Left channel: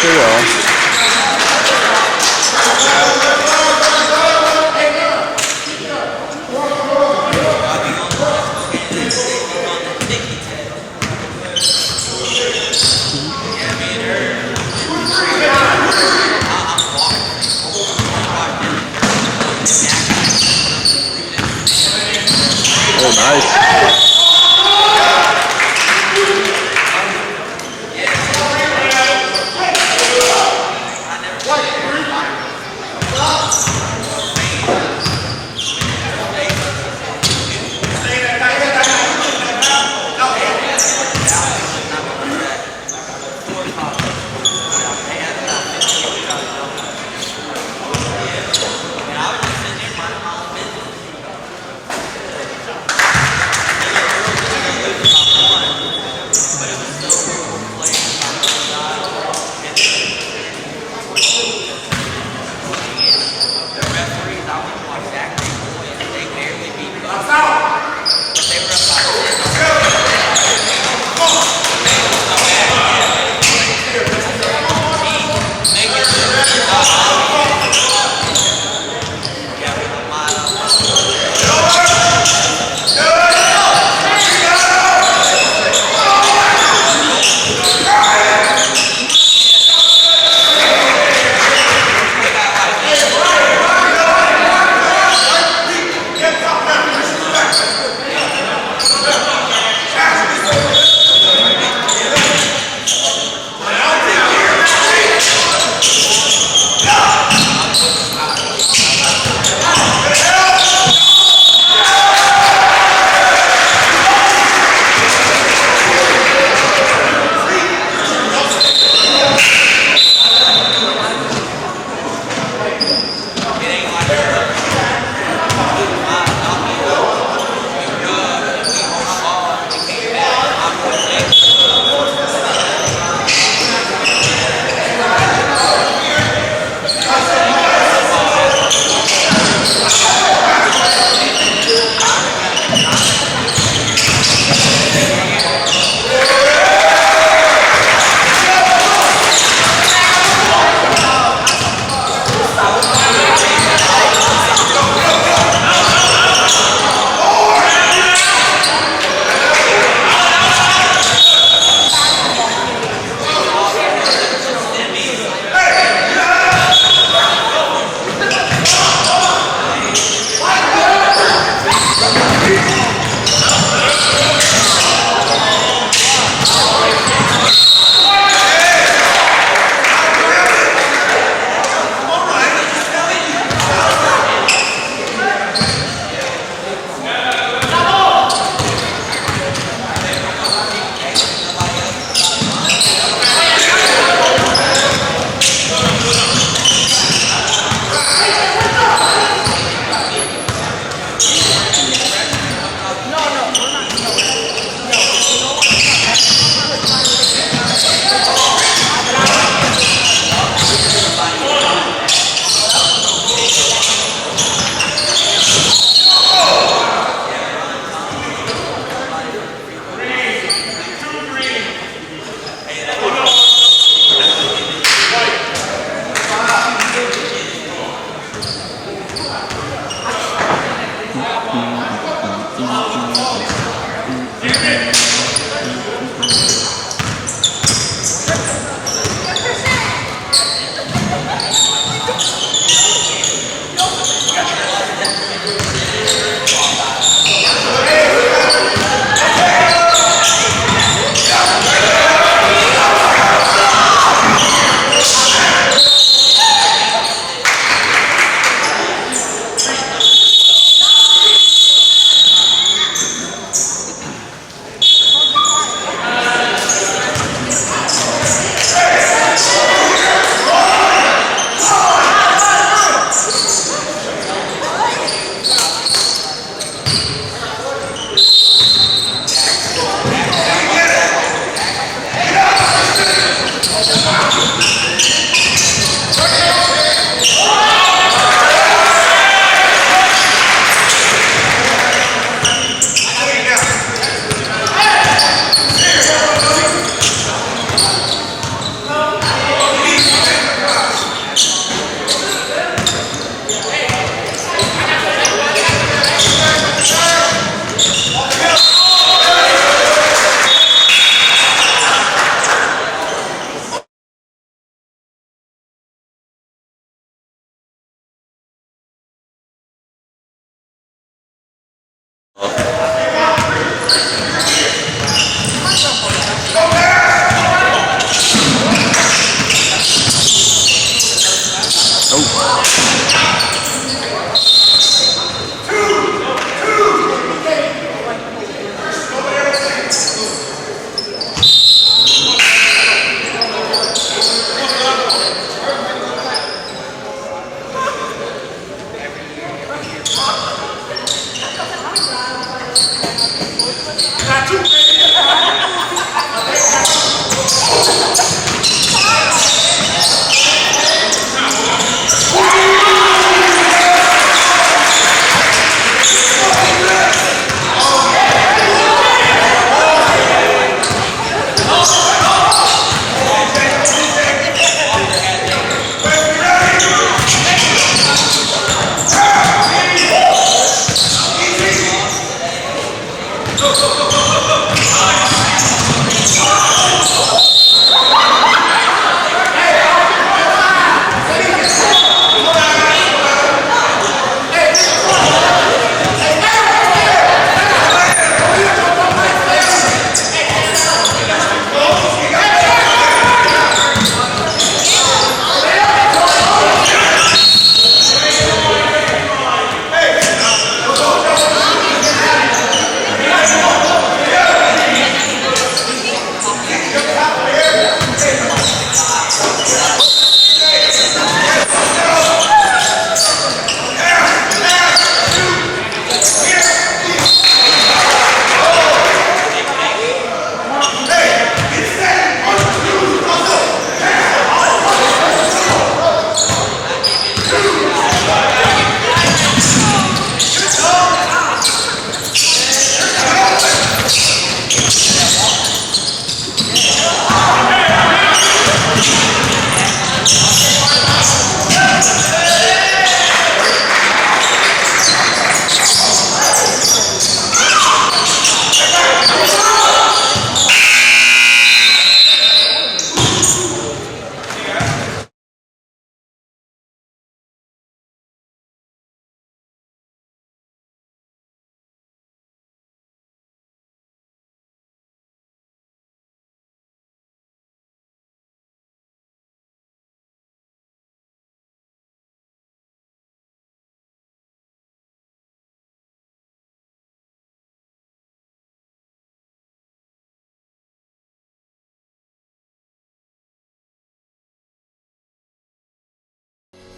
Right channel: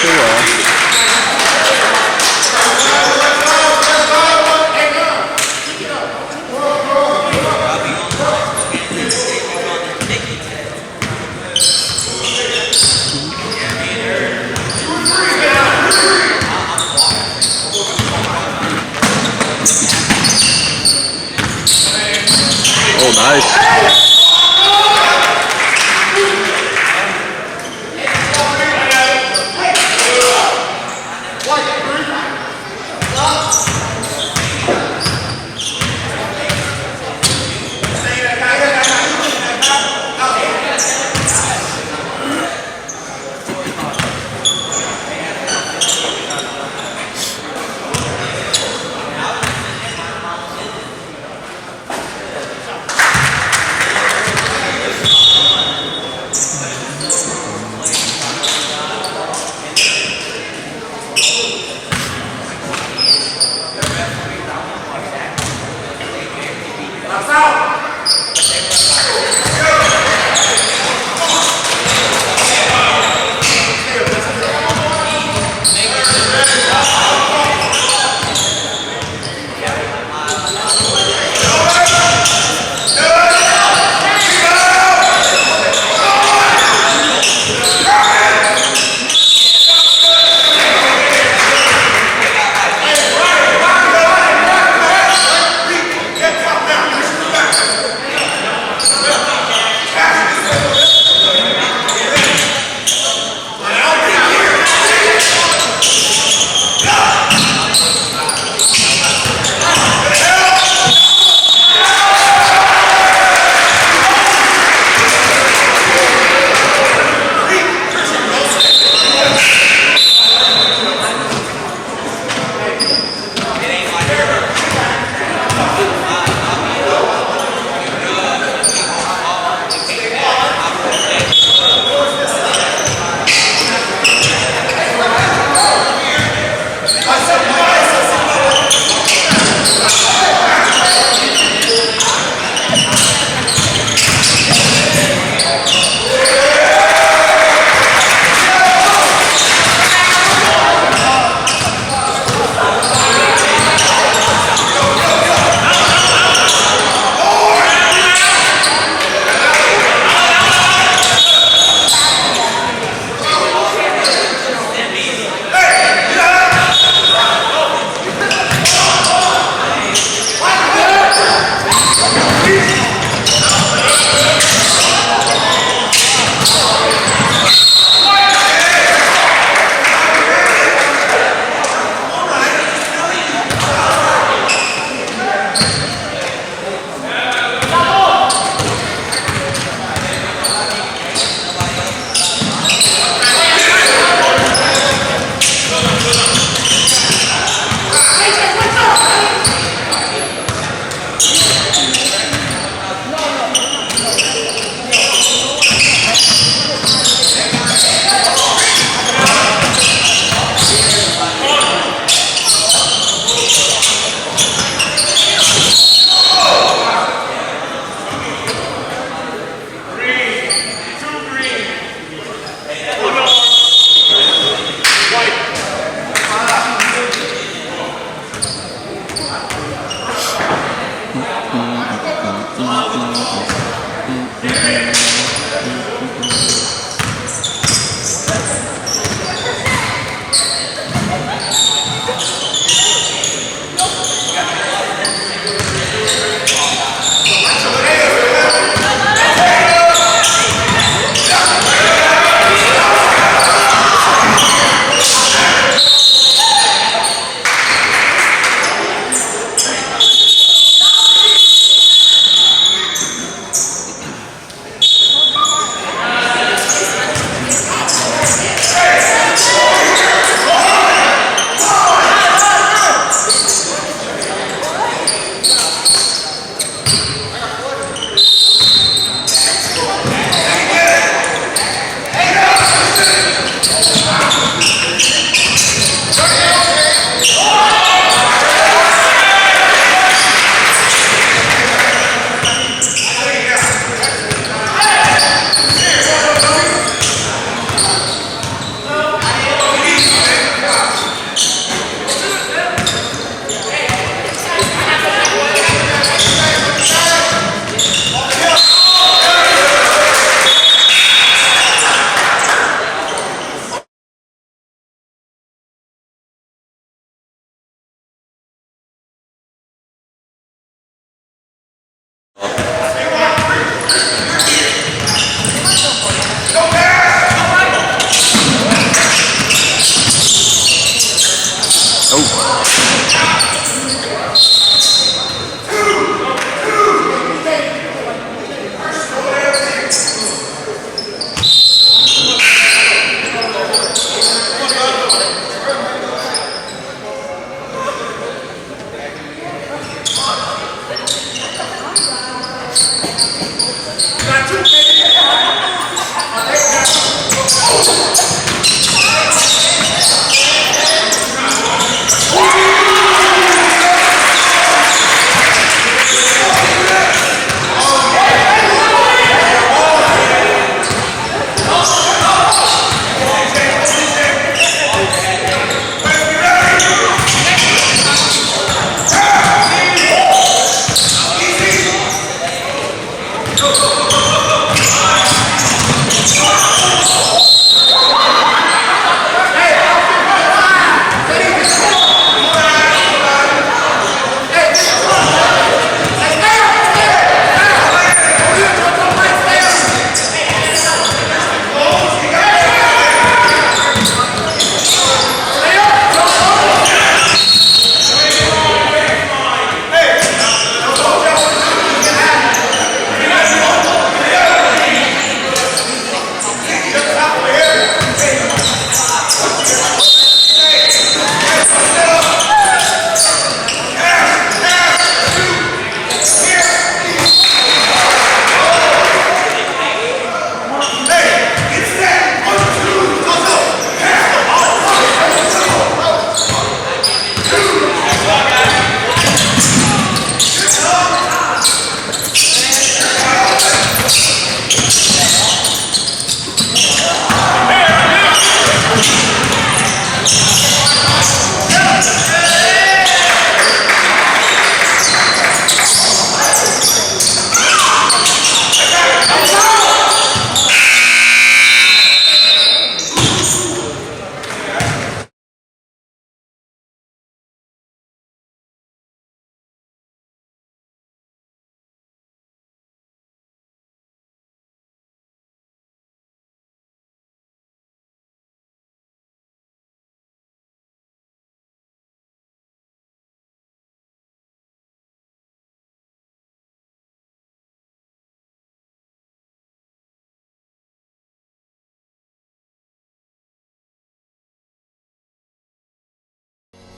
Pretty well. Oh, nice.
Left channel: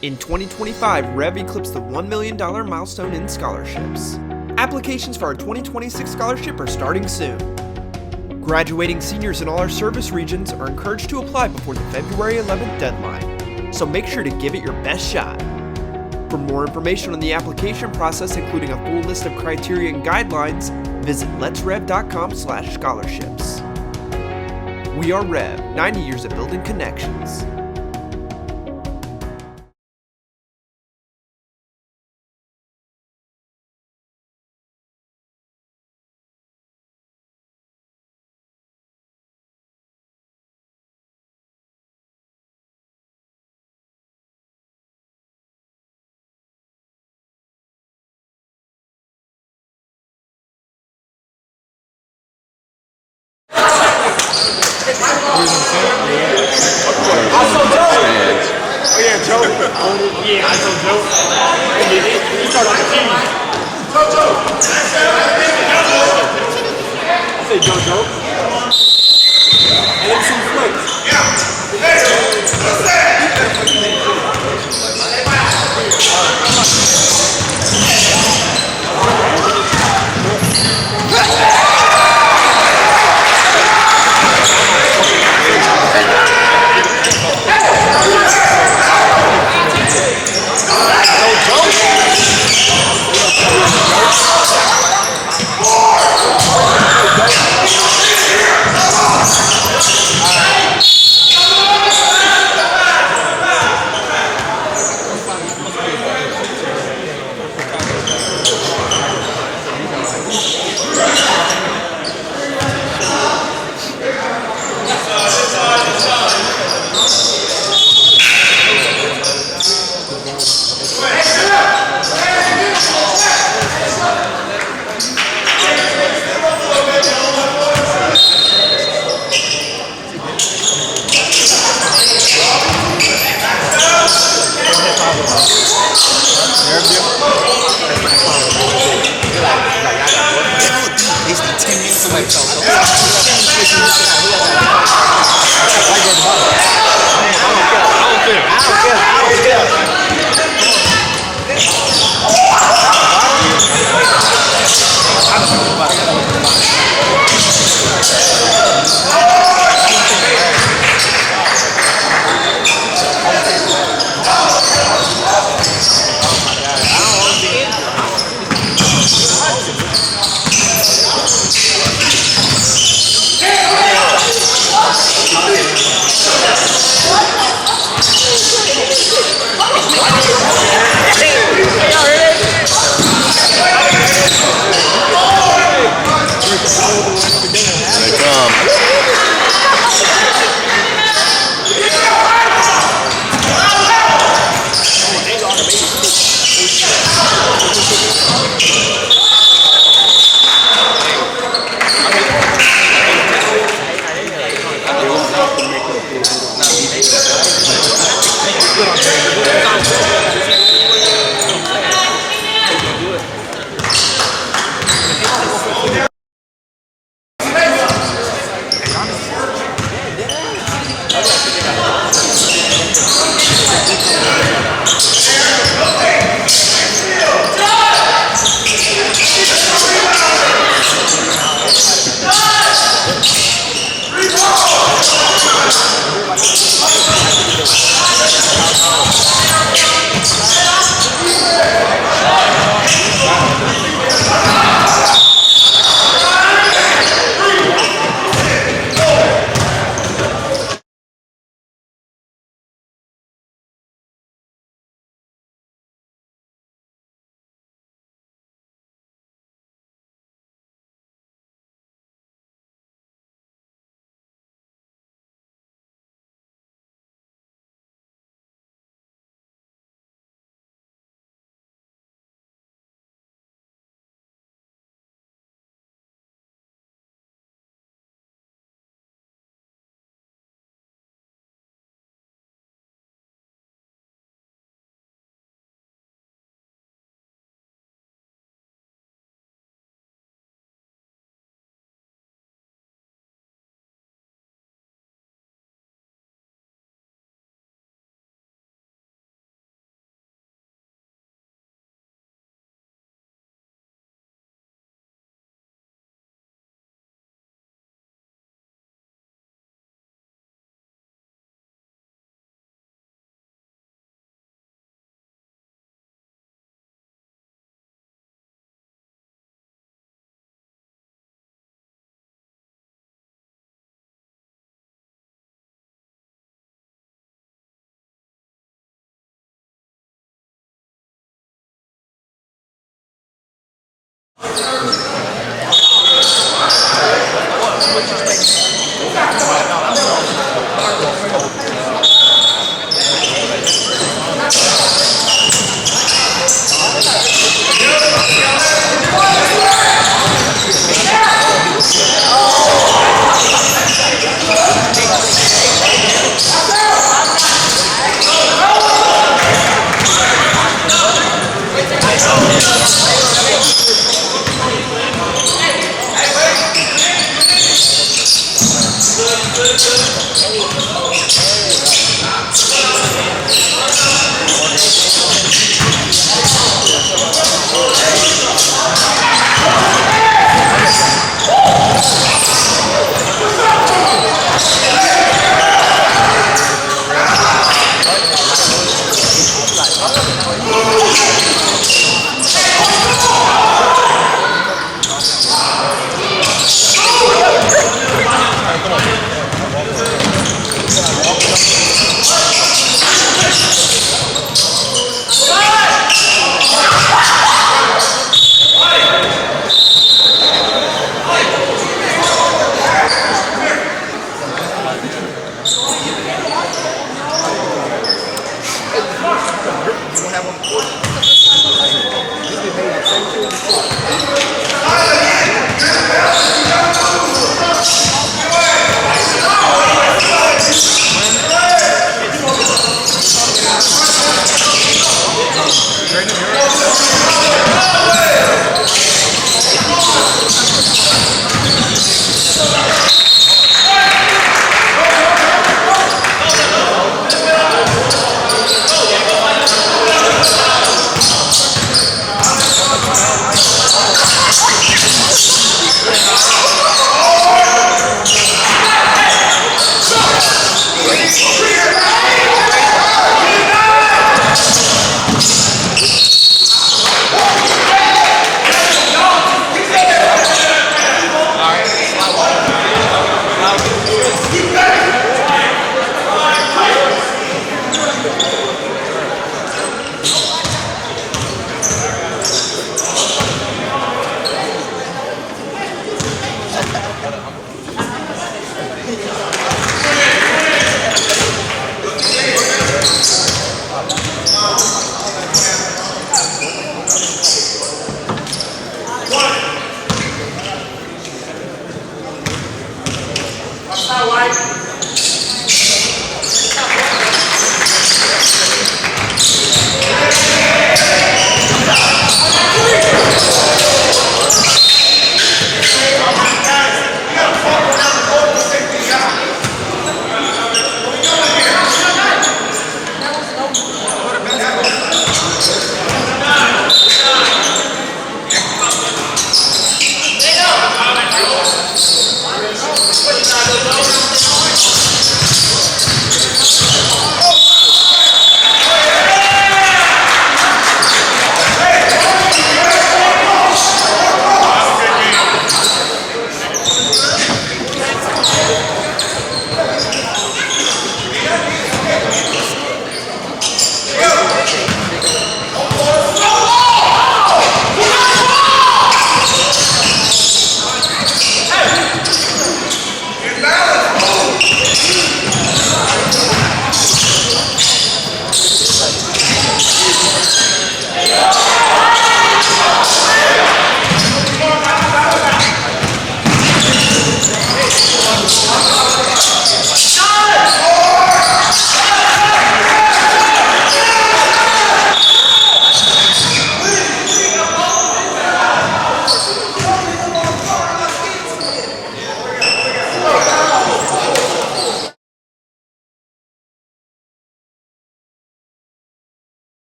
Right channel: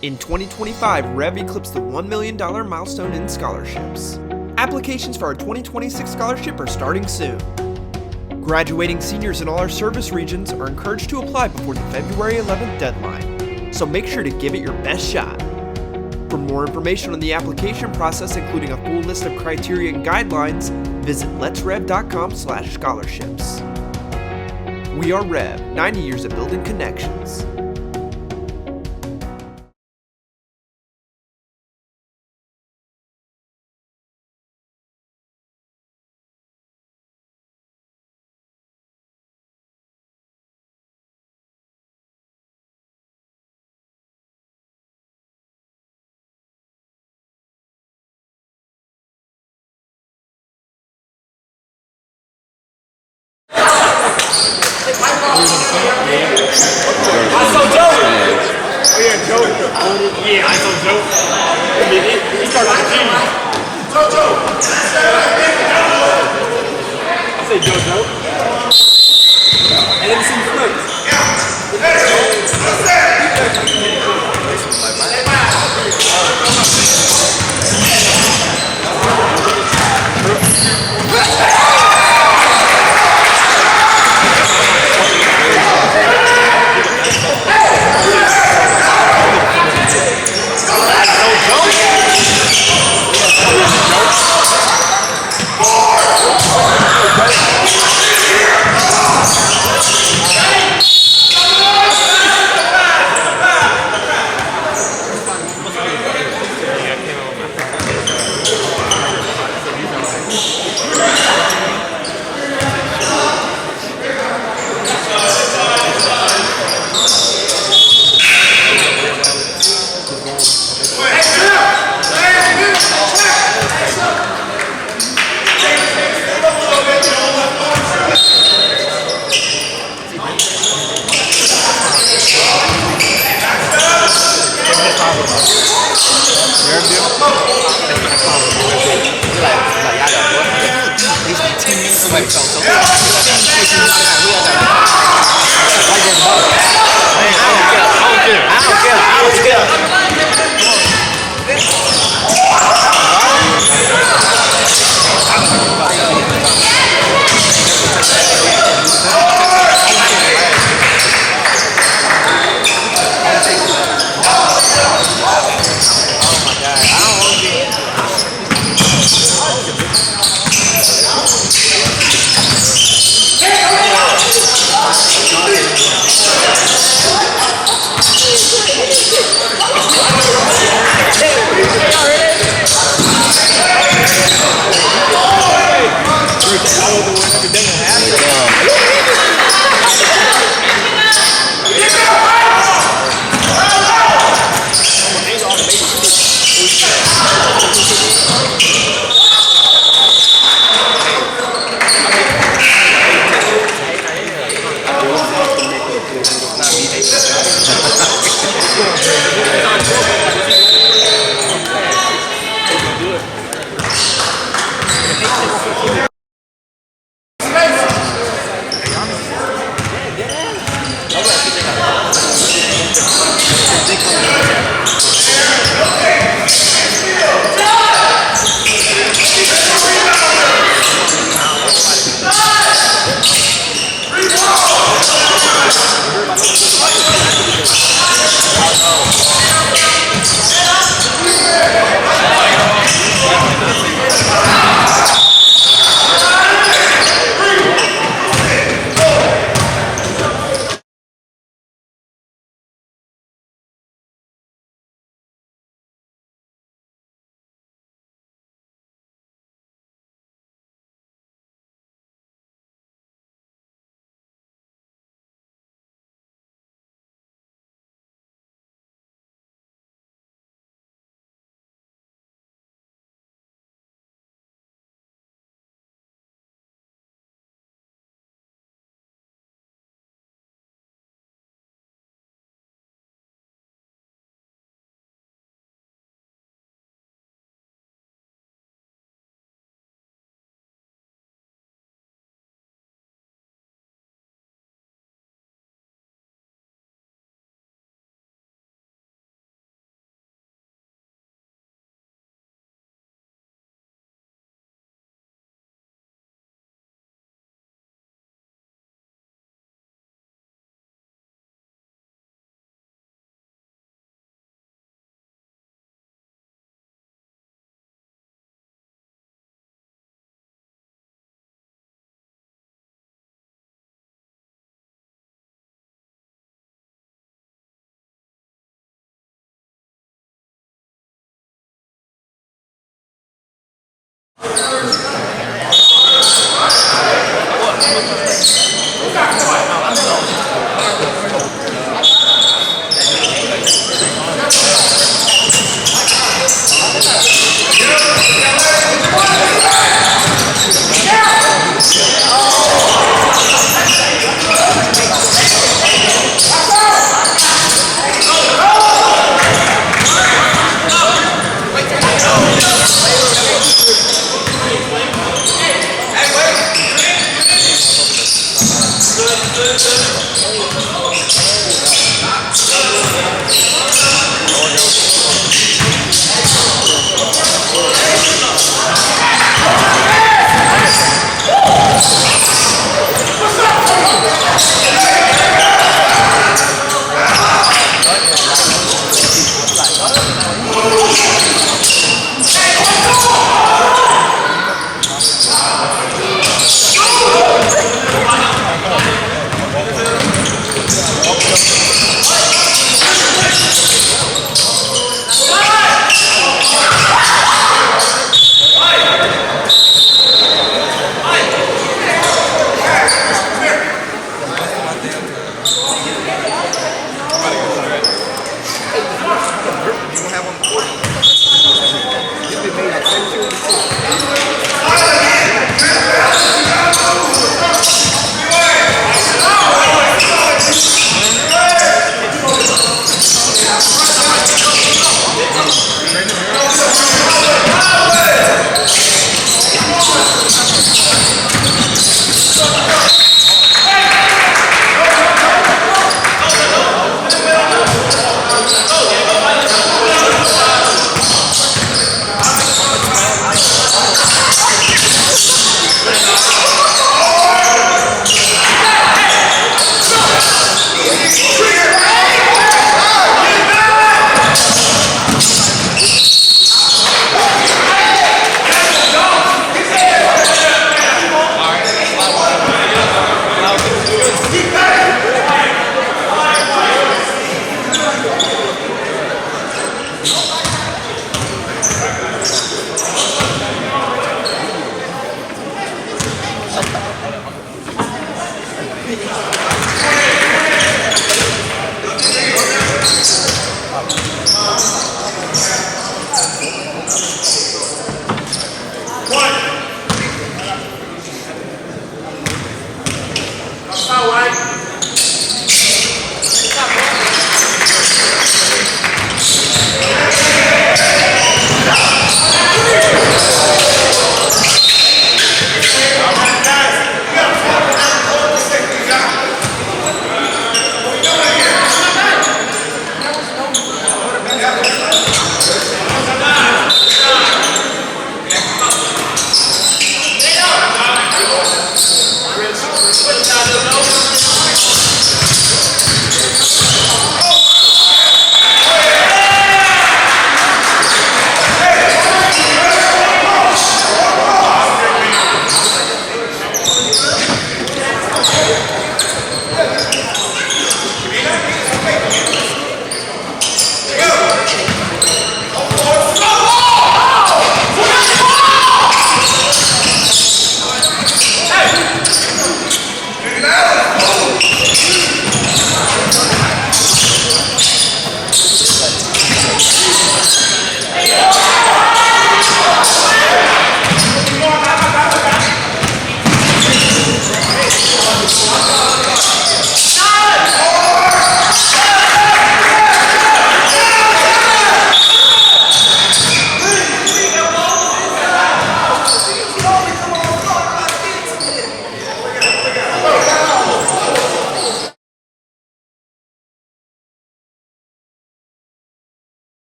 In 2025, Rev eclipsed the $1 million milestone in scholarships. Applications for our 2026 scholarship are starting soon. Graduating seniors in all our service regions are encouraged to apply before the February 11th deadline, so make sure to give it your best shot. For more information on the application process, including a full list of criteria and guidelines, visit letsrev.com/scholarships. We are Rev, 90 years of building connections. Yeah, I saw Joe. He started with the team. Joe. I said Joe. And then some flicks. Joe.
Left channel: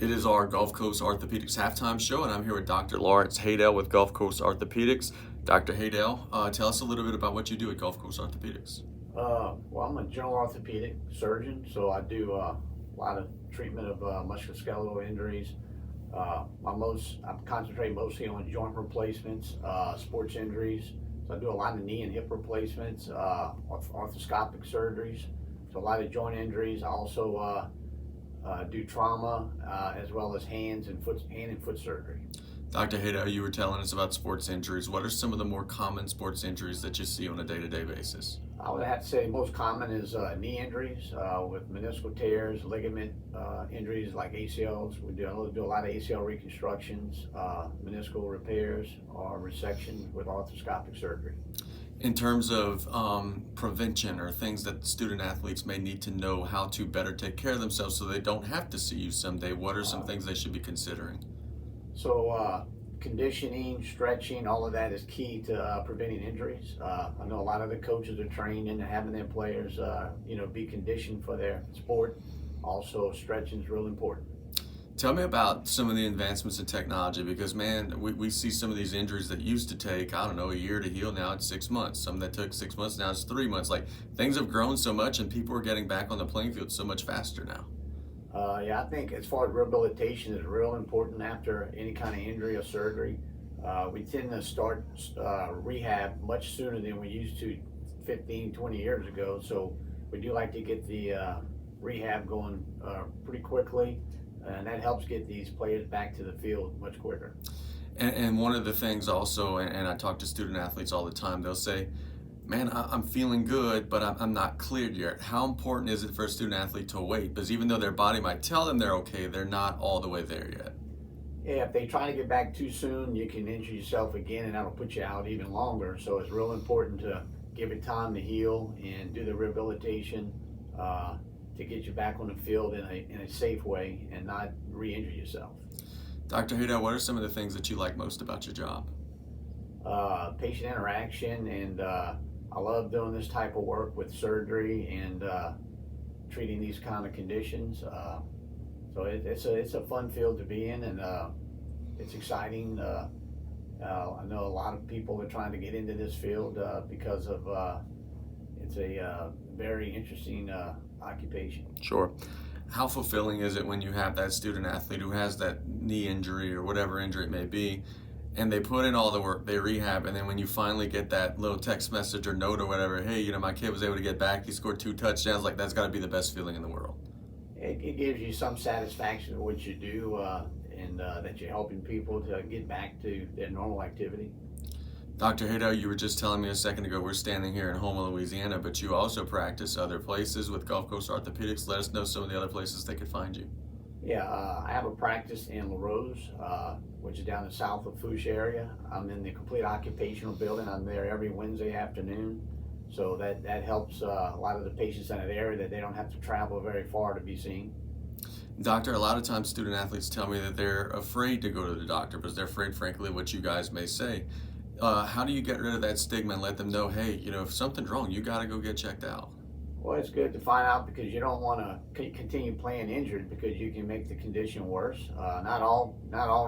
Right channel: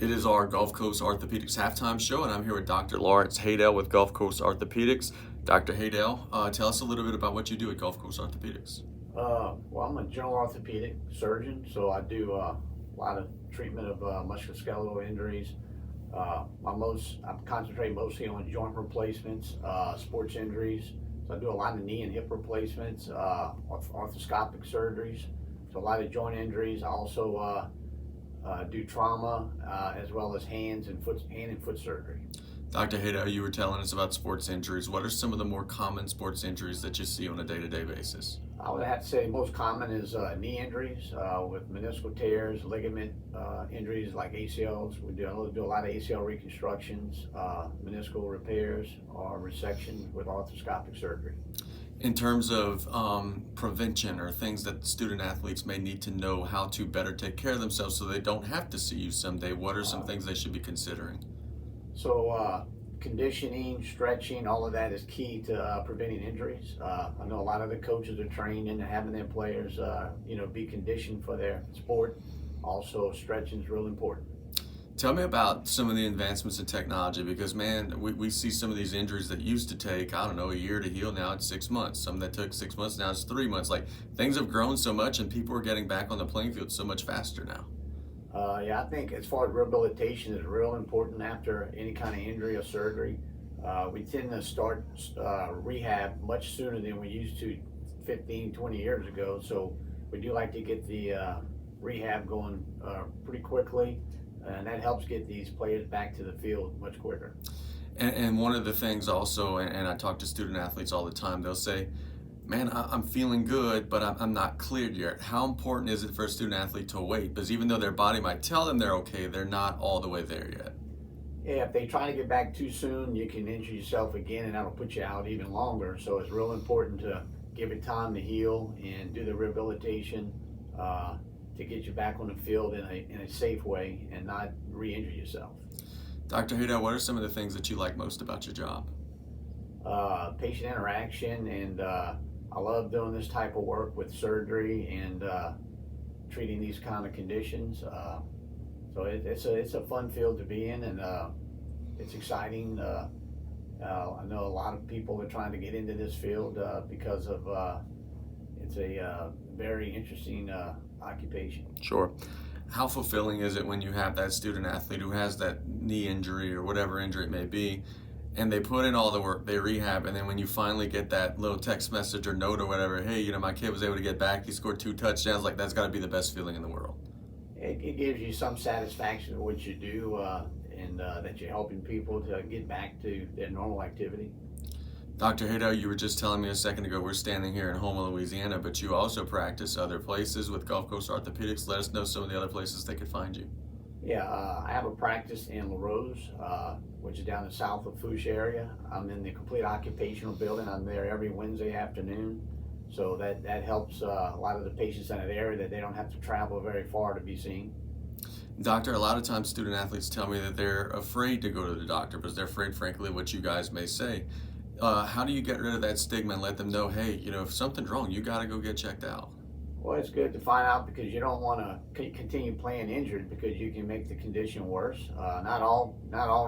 It is our Gulf Coast Orthopedics halftime show, and I'm here with Dr. Lawrence Haydell with Gulf Coast Orthopedics. Dr. Haydell, tell us a little bit about what you do at Gulf Coast Orthopedics. Well, I'm a general orthopedic surgeon, so I do a lot of treatment of musculoskeletal injuries. I concentrate mostly on joint replacements, sports injuries. So I do a lot of knee and hip replacements, arthroscopic surgeries. So a lot of joint injuries. I also do trauma as well as hand and foot surgery. Dr. Haydell, you were telling us about sports injuries. What are some of the more common sports injuries that you see on a day-to-day basis? I would have to say most common is knee injuries with meniscal tears, ligament injuries like ACLs. We do a lot of ACL reconstructions, meniscal repairs, or resections with arthroscopic surgery. In terms of prevention or things that student athletes may need to know how to better take care of themselves so they don't have to see you someday, what are some things they should be considering? So conditioning, stretching, all of that is key to preventing injuries. I know a lot of the coaches are trained into having their players, be conditioned for their sport. Also, stretching is real important. Tell me about some of the advancements in technology because, man, we see some of these injuries that used to take, I don't know, a year to heal. Now it's 6 months. Some that took 6 months, now it's 3 months. Like, things have grown so much and people are getting back on the playing field so much faster now. Yeah, I think as far as rehabilitation is real important after any kind of injury or surgery. We tend to start rehab much sooner than we used to 15, 20 years ago. So we do like to get the rehab going pretty quickly, and that helps get these players back to the field much quicker. And one of the things also, and I talk to student athletes all the time, they'll say, man, I'm feeling good, but I'm not cleared yet. How important is it for a student athlete to wait? Because even though their body might tell them they're okay, they're not all the way there yet. Yeah, if they try to get back too soon, you can injure yourself again, and that'll put you out even longer. So it's real important to give it time to heal and do the rehabilitation to get you back on the field in a safe way and not re-injure yourself. Dr. Haydell, what are some of the things that you like most about your job? Patient interaction, and I love doing this type of work with surgery and treating these kind of conditions. So it's a fun field to be in, and it's exciting. I know a lot of people are trying to get into this field because of it's a very interesting occupation. Sure. How fulfilling is it when you have that student athlete who has that knee injury or whatever injury it may be, and they put in all the work, they rehab, and then when you finally get that little text message or note or whatever, hey, my kid was able to get back, he scored 2 touchdowns, like that's got to be the best feeling in the world. It gives you some satisfaction in what you do and that you're helping people to get back to their normal activity. Dr. Haydell, you were just telling me a second ago, we're standing here in Houma, Louisiana, but you also practice other places with Gulf Coast Orthopedics. Let us know some of the other places they could find you. Yeah, I have a practice in Lafourche, which is down the south of Lafourche area. I'm in the complete occupational building. I'm there every Wednesday afternoon. So that helps a lot of the patients in that area that they don't have to travel very far to be seen. Doctor, a lot of times student athletes tell me that they're afraid to go to the doctor because they're afraid, frankly, what you guys may say. How do you get rid of that stigma and let them know, hey, if something's wrong, you got to go get checked out? Well, it's good to find out because you don't want to continue playing injured because you can make the condition worse. Not all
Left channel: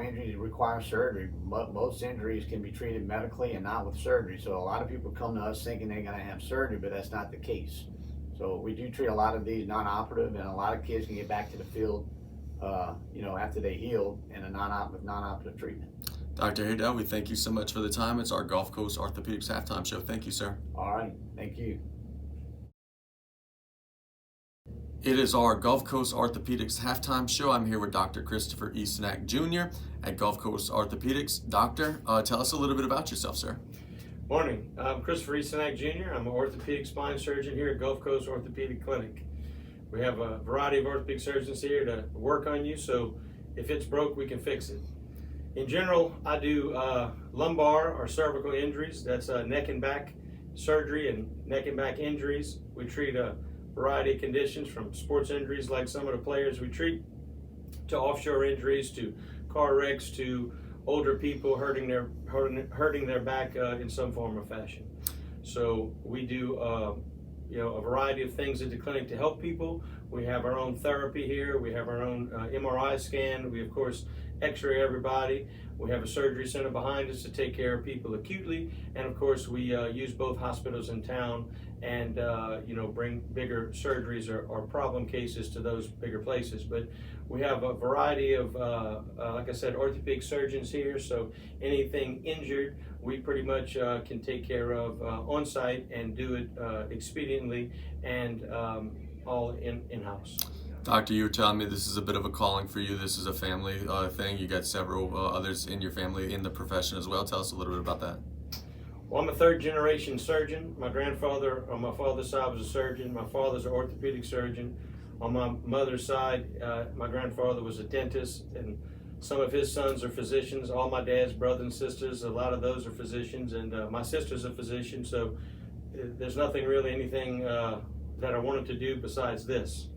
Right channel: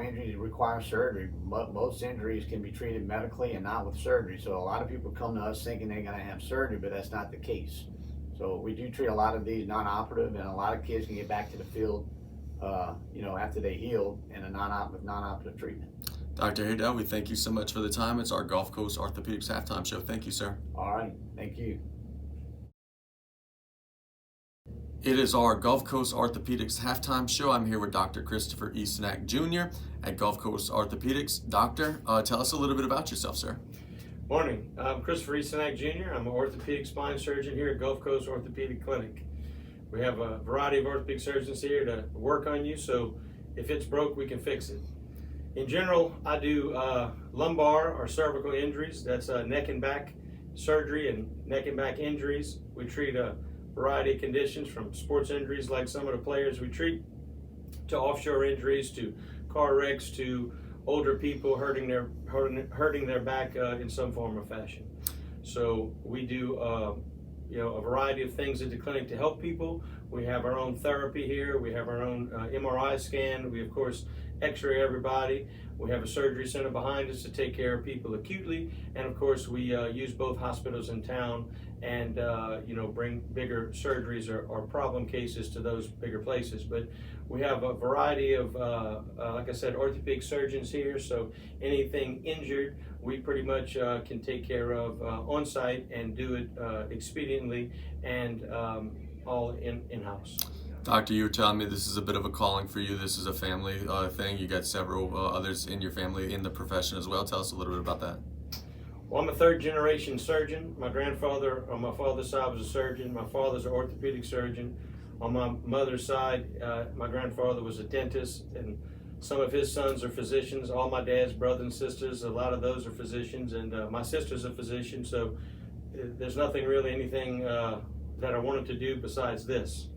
injuries require surgery. Most injuries can be treated medically and not with surgery. So a lot of people come to us thinking they're going to have surgery, but that's not the case. So we do treat a lot of these non-operative, and a lot of kids can get back to the field, after they heal in a non-operative treatment. Dr. Haydell, we thank you so much for the time. It's our Gulf Coast Orthopedics halftime show. Thank you, sir. All right, thank you. It is our Gulf Coast Orthopedics halftime show. I'm here with Dr. Christopher Eastonak Jr. at Gulf Coast Orthopedics. Doctor, tell us a little bit about yourself, sir. Morning. I'm Christopher Eastonak Jr. I'm an orthopedic spine surgeon here at Gulf Coast Orthopedic Clinic. We have a variety of orthopedic surgeons here to work on you, so if it's broke, we can fix it. In general, I do lumbar or cervical injuries. That's neck and back surgery and neck and back injuries. We treat a variety of conditions, from sports injuries like some of the players we treat, to offshore injuries, to car wrecks, to older people hurting their back in some form or fashion. So we do a variety of things at the clinic to help people. We have our own therapy here. We have our own MRI scan. We of course x-ray everybody. We have a surgery center behind us to take care of people acutely, and of course we use both hospitals in town and bring bigger surgeries or problem cases to those bigger places. But we have a variety of like I said, orthopedic surgeons here, so anything injured we pretty much can take care of on site and do it expediently and all in-house. Doctor, you were telling me this is a bit of a calling for you. This is a family thing. You got several others in your family in the profession as well. Tell us a little bit about that. Well, I'm a third generation surgeon. My grandfather on my father's side was a surgeon. My father's an orthopedic surgeon. On my mother's side, my grandfather was a dentist, and some of his sons are physicians. All my dad's brothers and sisters, a lot of those are physicians, and my sister's a physician, so there's anything that I wanted to do besides this.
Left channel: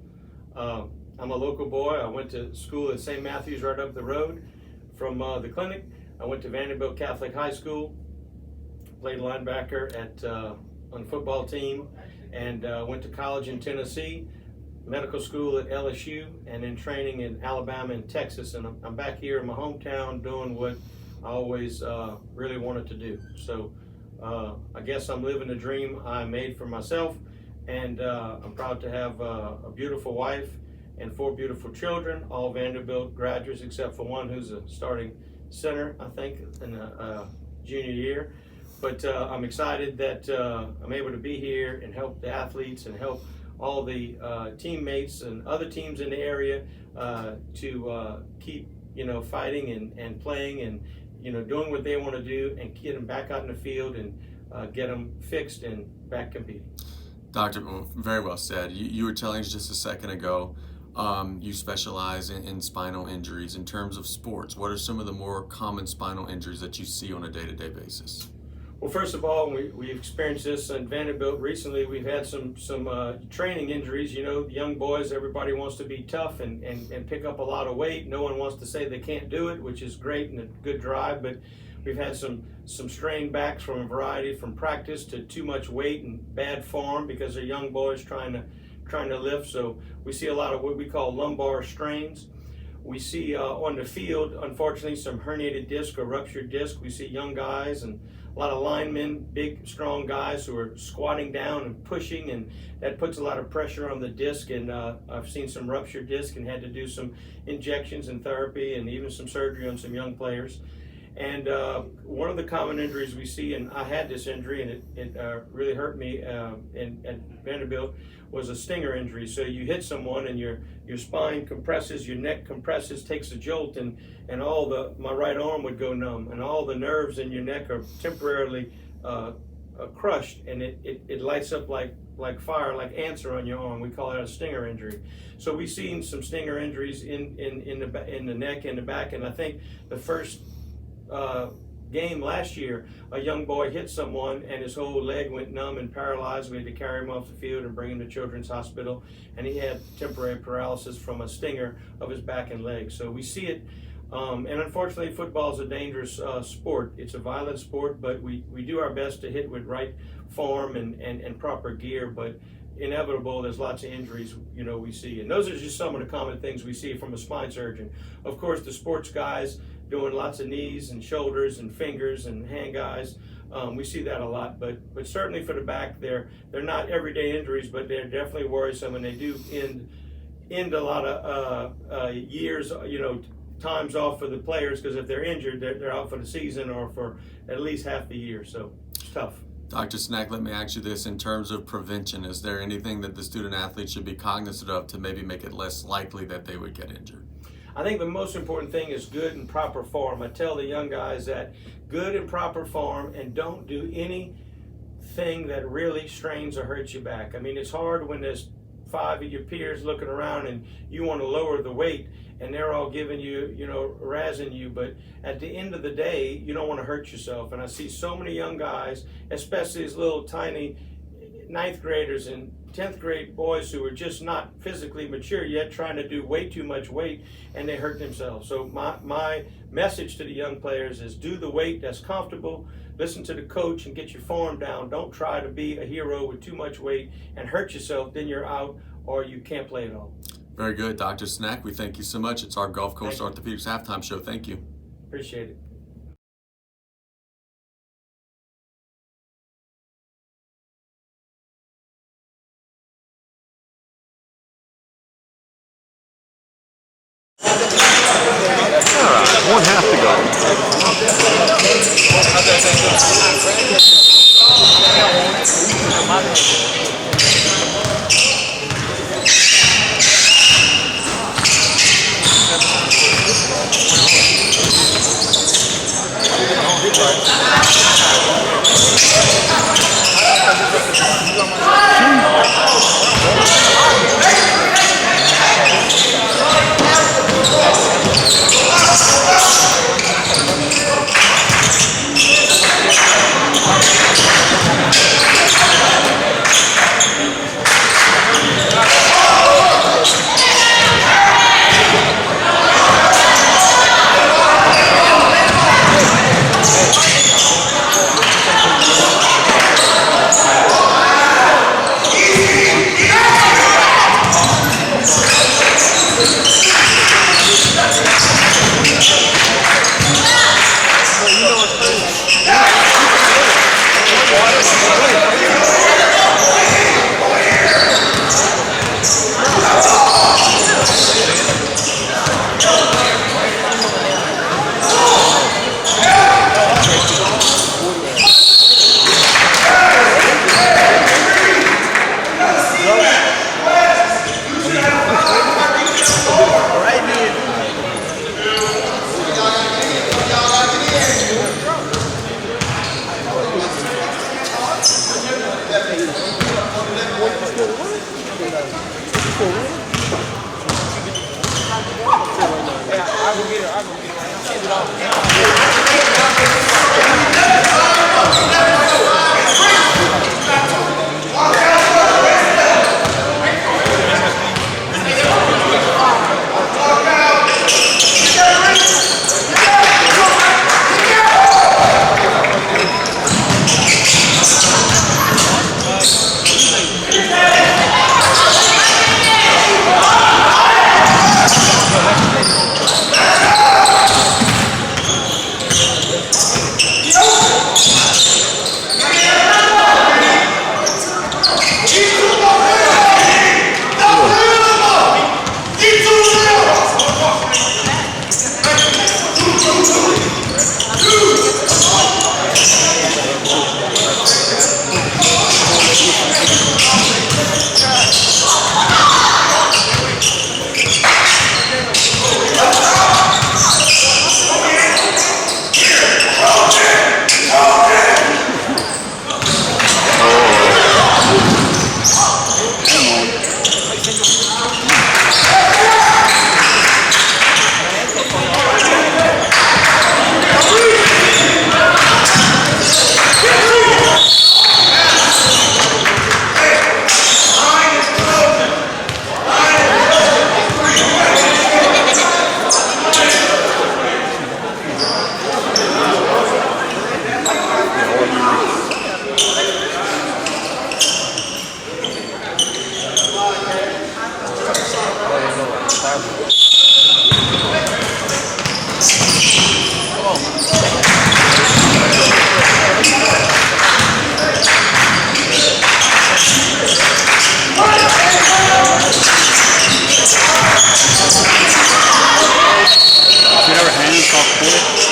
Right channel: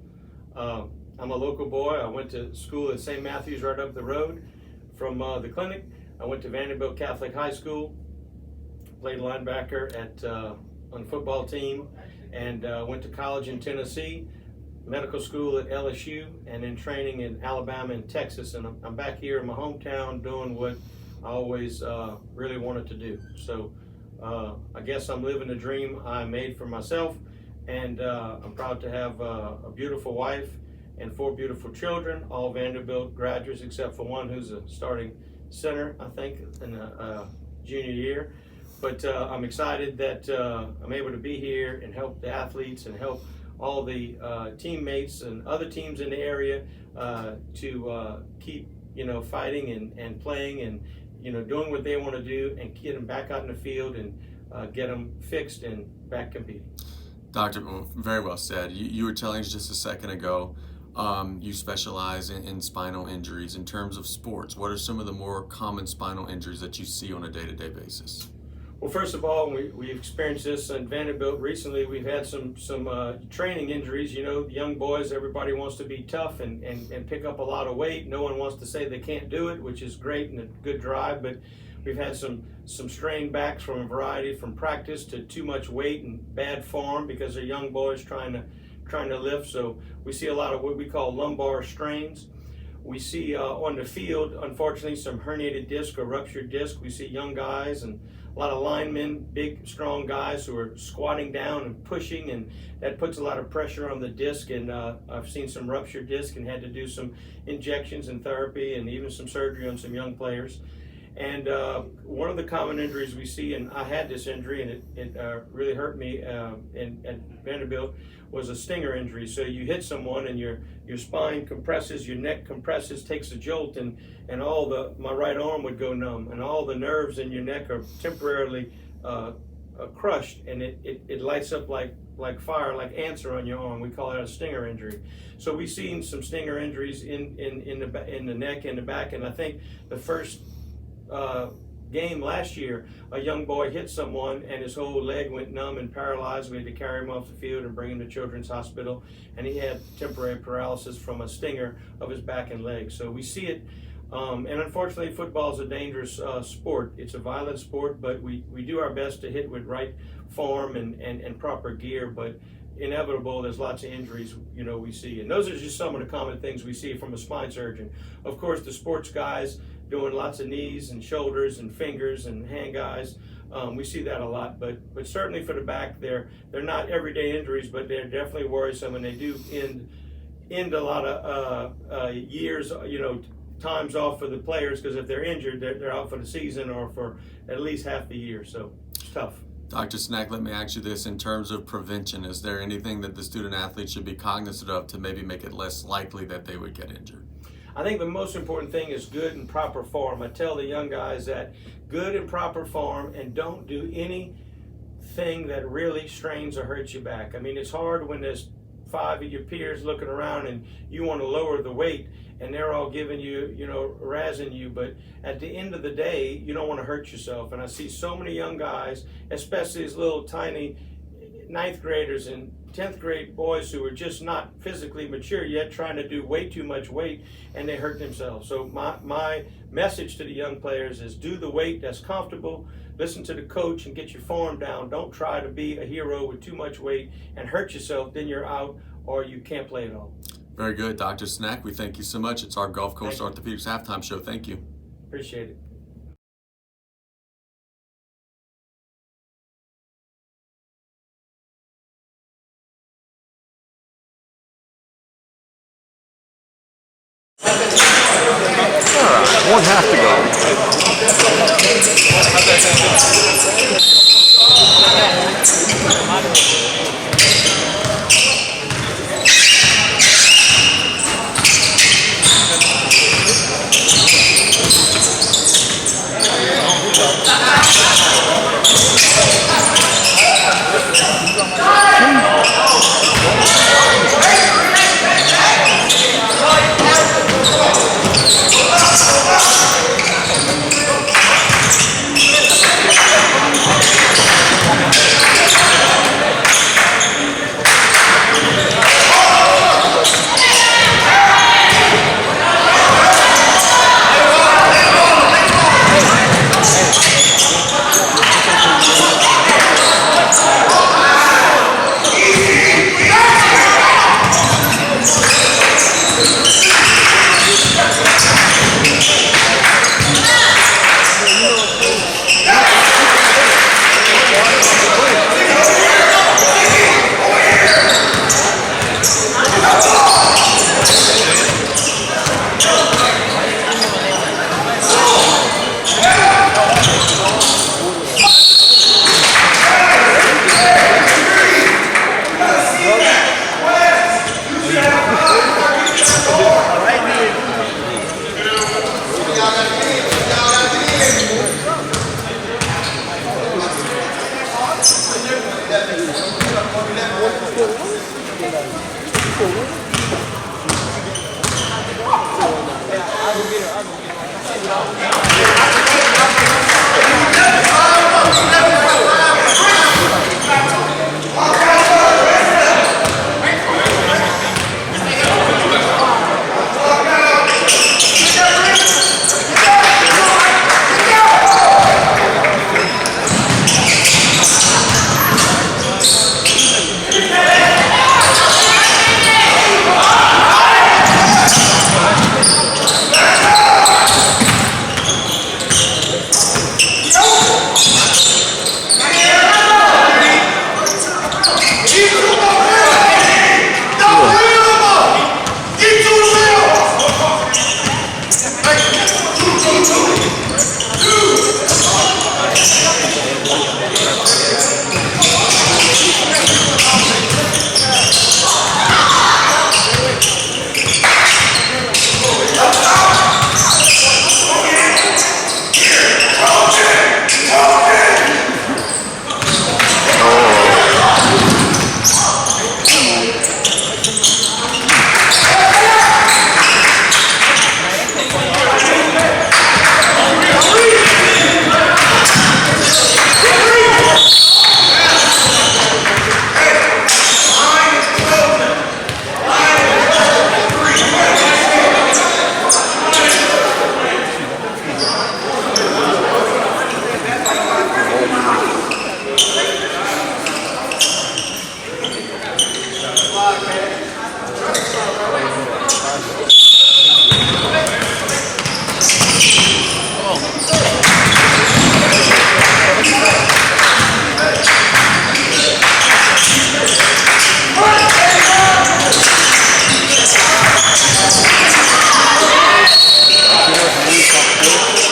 I'm a local boy. I went to school at St. Matthew's right up the road from the clinic. I went to Vanderbilt Catholic High School, played linebacker on the football team, and went to college in Tennessee, medical school at LSU, and then training in Alabama and Texas. And I'm back here in my hometown doing what I always really wanted to do. So I guess I'm living a dream I made for myself. And I'm proud to have a beautiful wife and 4 beautiful children, all Vanderbilt graduates except for one who's a starting center, I think, in a junior year. But I'm excited that I'm able to be here and help the athletes and help all the teammates and other teams in the area to keep fighting and playing and doing what they want to do, and get them back out in the field and get them fixed and back competing. Doctor, very well said. You were telling us just a second ago, you specialize in spinal injuries. In terms of sports, what are some of the more common spinal injuries that you see on a day-to-day basis? Well, first of all, we've experienced this in Vanderbilt recently. We've had some training injuries. Young boys, everybody wants to be tough and pick up a lot of weight. No one wants to say they can't do it, which is great and a good drive, but we've had some strained backs from a variety, from practice to too much weight and bad form because they're young boys trying to lift. So we see a lot of what we call lumbar strains. We see on the field, unfortunately, some herniated disc or ruptured disc. We see young guys and a lot of linemen, big, strong guys who are squatting down and pushing, and that puts a lot of pressure on the disc. And I've seen some ruptured disc and had to do some injections and therapy and even some surgery on some young players. And one of the common injuries we see, and I had this injury and it really hurt me at Vanderbilt, was a stinger injury. So you hit someone and your spine compresses, your neck compresses, takes a jolt, and my right arm would go numb, and all the nerves in your neck are temporarily crushed, and it lights up like fire, like ants are on your arm. We call it a stinger injury. So we've seen some stinger injuries in the neck and the back, and I think the first game last year, a young boy hit someone and his whole leg went numb and paralyzed. We had to carry him off the field and bring him to Children's Hospital, and he had temporary paralysis from a stinger of his back and leg. So we see it, and unfortunately football is a dangerous sport. It's a violent sport, but we do our best to hit with right form and proper gear, but inevitable, there's lots of injuries we see, and those are just some of the common things we see from a spine surgeon. Of course, the sports guys doing lots of knees and shoulders and fingers and hand guys, we see that a lot, but certainly for the back, they're not everyday injuries, but they're definitely worrisome, and they do end a lot of years, times off for the players, because if they're injured, they're out for the season or for at least half the year, so it's tough. Dr. Snack, let me ask you this. In terms of prevention, is there anything that the student athlete should be cognizant of to maybe make it less likely that they would get injured? I think the most important thing is good and proper form. I tell the young guys that good and proper form, and don't do anything that really strains or hurts your back. I mean, it's hard when there's 5 of your peers looking around and you want to lower the weight and they're all giving you, razzing you. But at the end of the day, you don't want to hurt yourself. And I see so many young guys, especially these little tiny 9th graders and 10th grade boys who are just not physically mature yet, trying to do way too much weight, and they hurt themselves. So my message to the young players is do the weight that's comfortable, listen to the coach and get your form down. Don't try to be a hero with too much weight and hurt yourself, then you're out or you can't play at all. Very good, Dr. Snack. We thank you so much. It's our Gulf Coast Orthopedics halftime show. Thank you. Appreciate it. One half to go.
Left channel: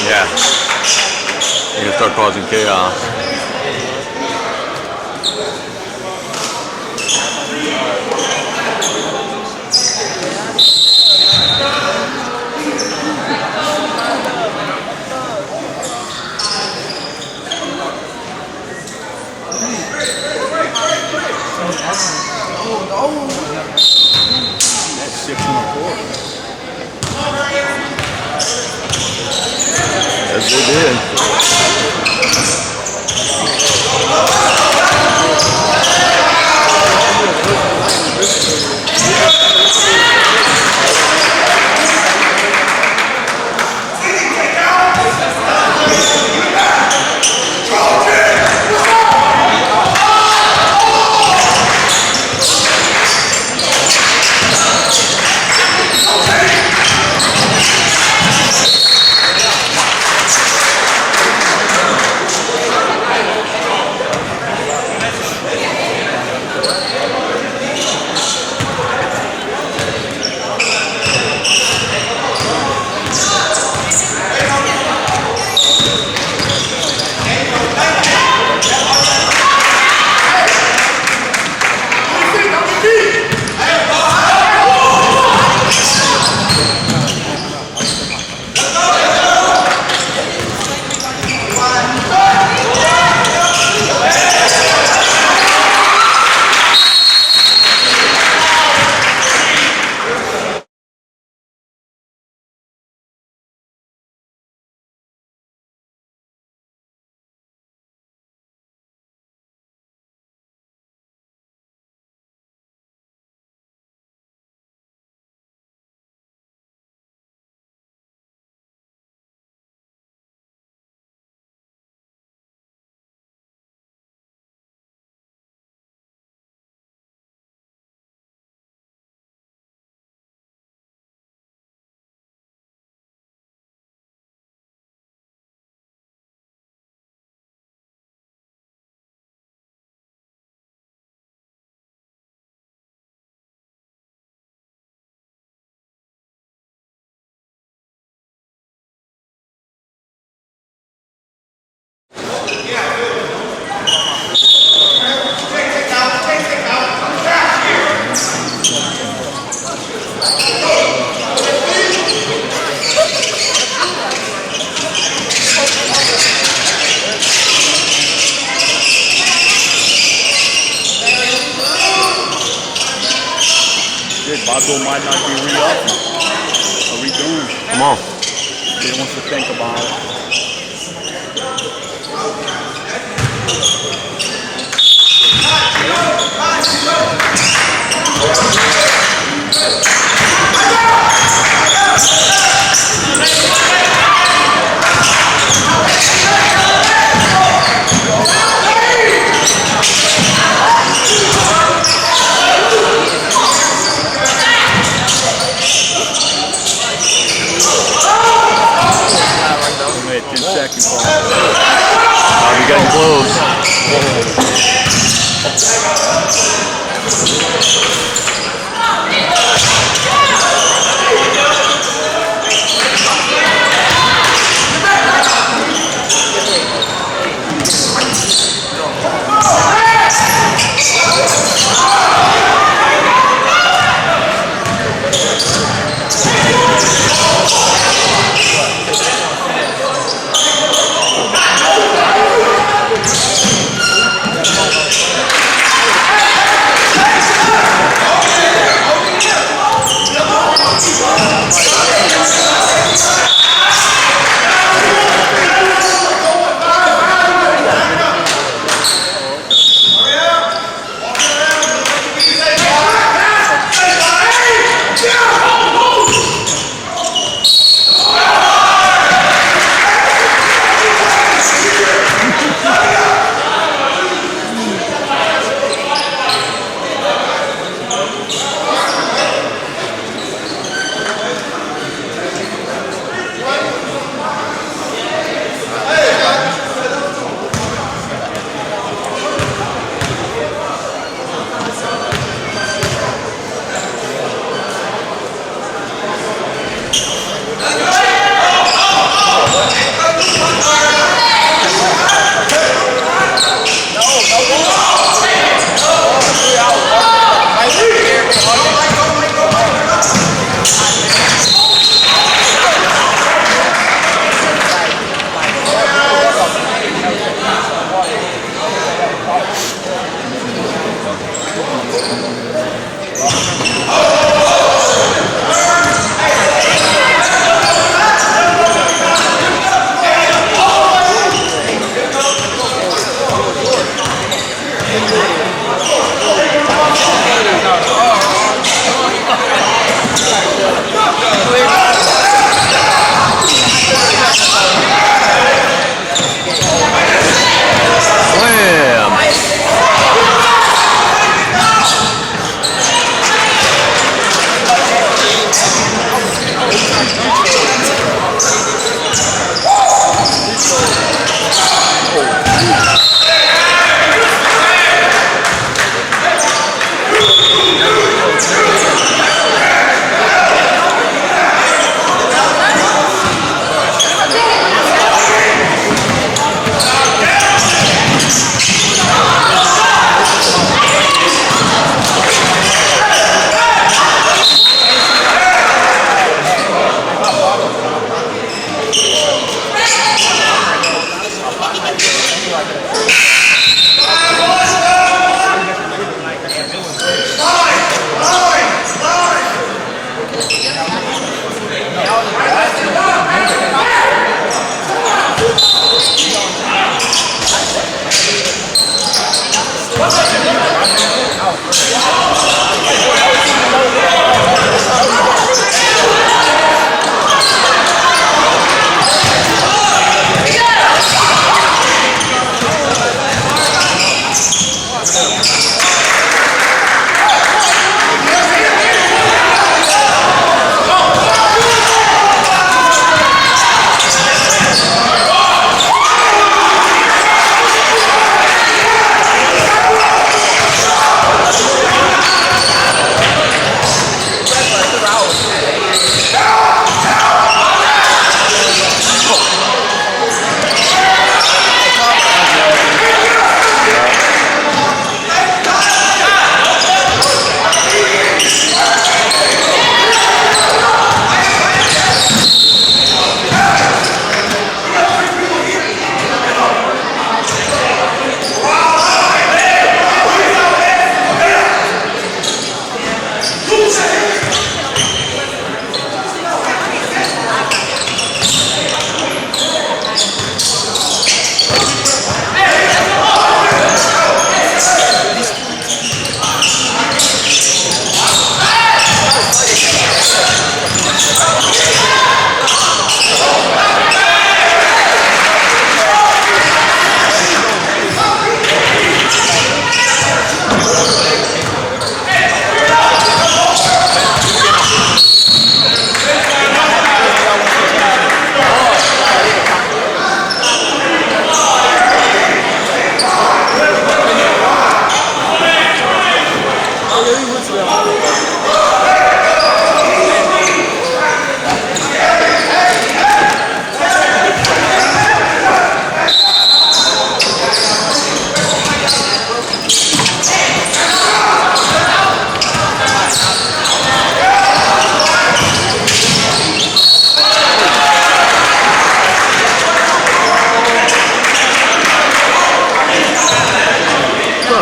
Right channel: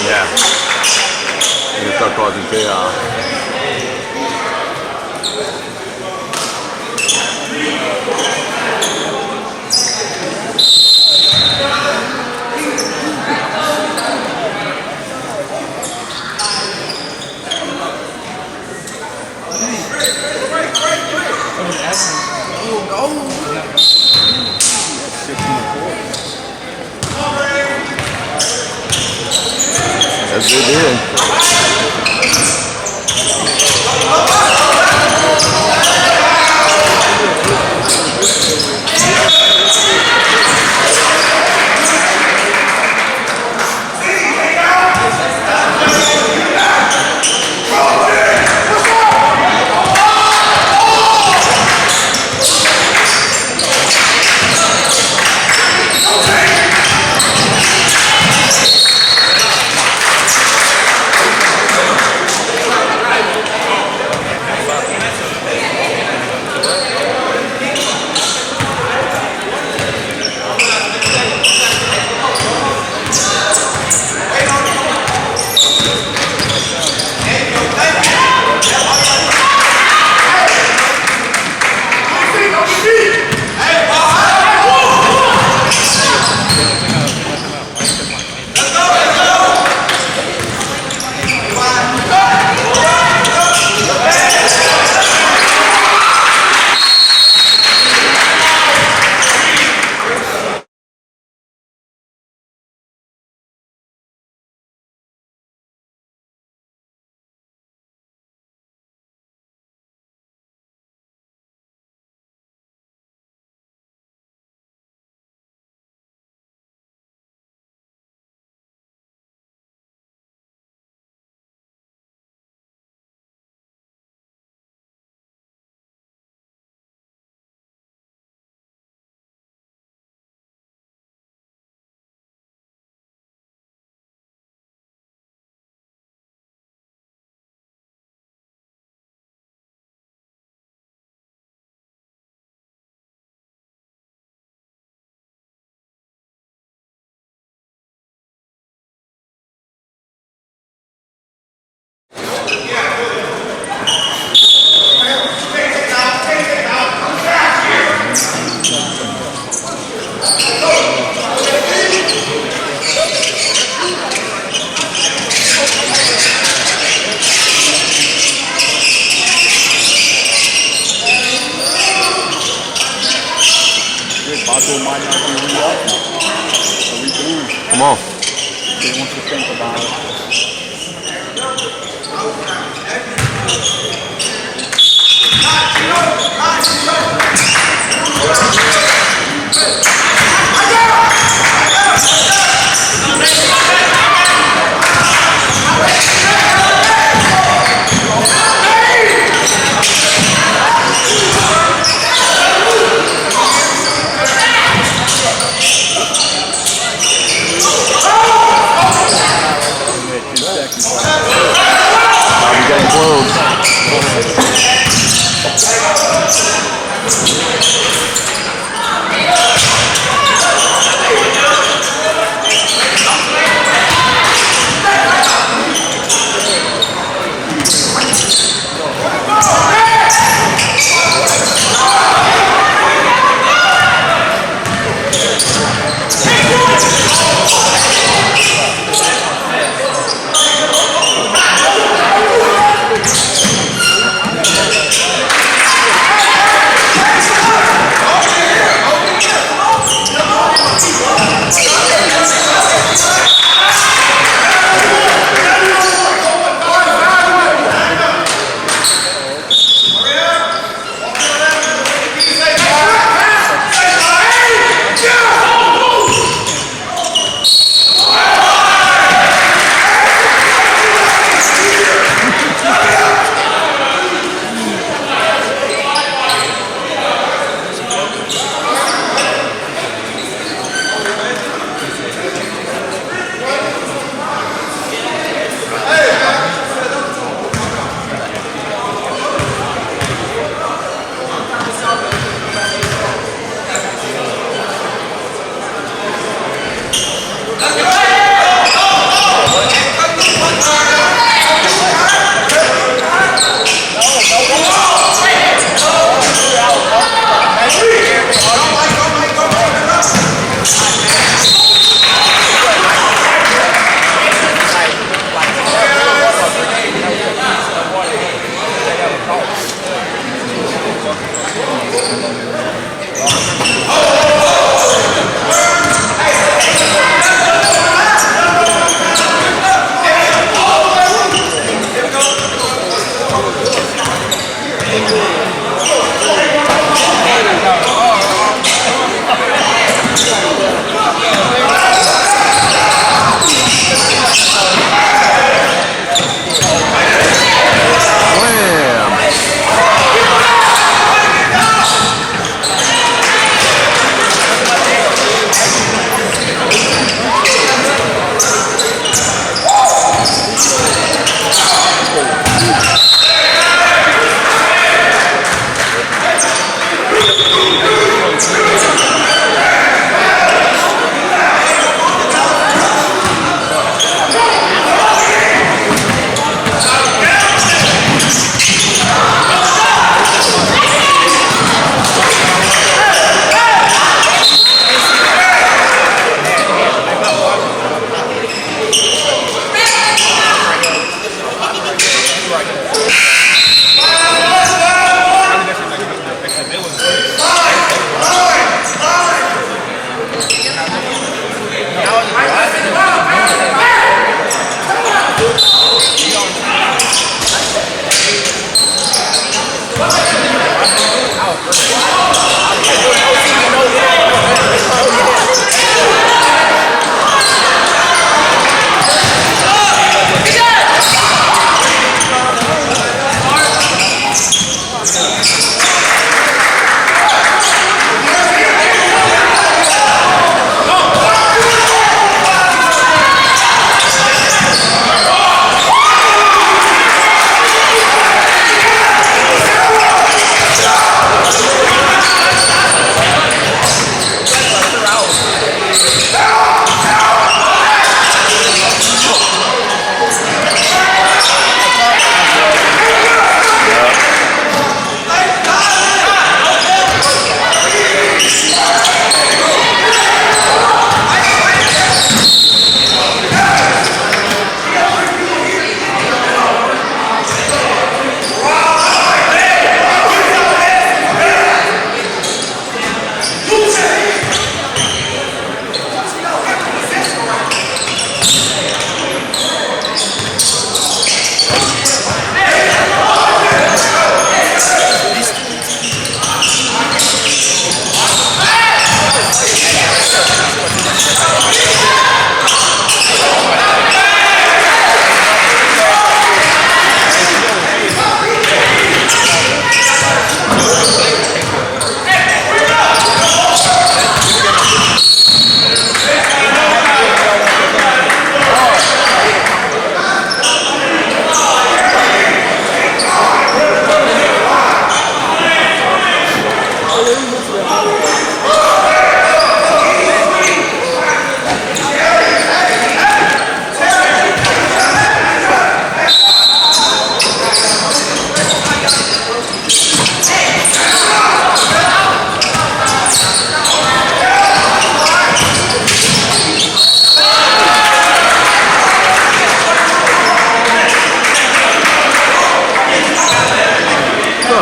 Yeah. It'll start causing chaos. Yes, they did. Bato might not be re-up. What are we doing? Come on. They want to think about it. Only at 2 seconds. Now we getting close.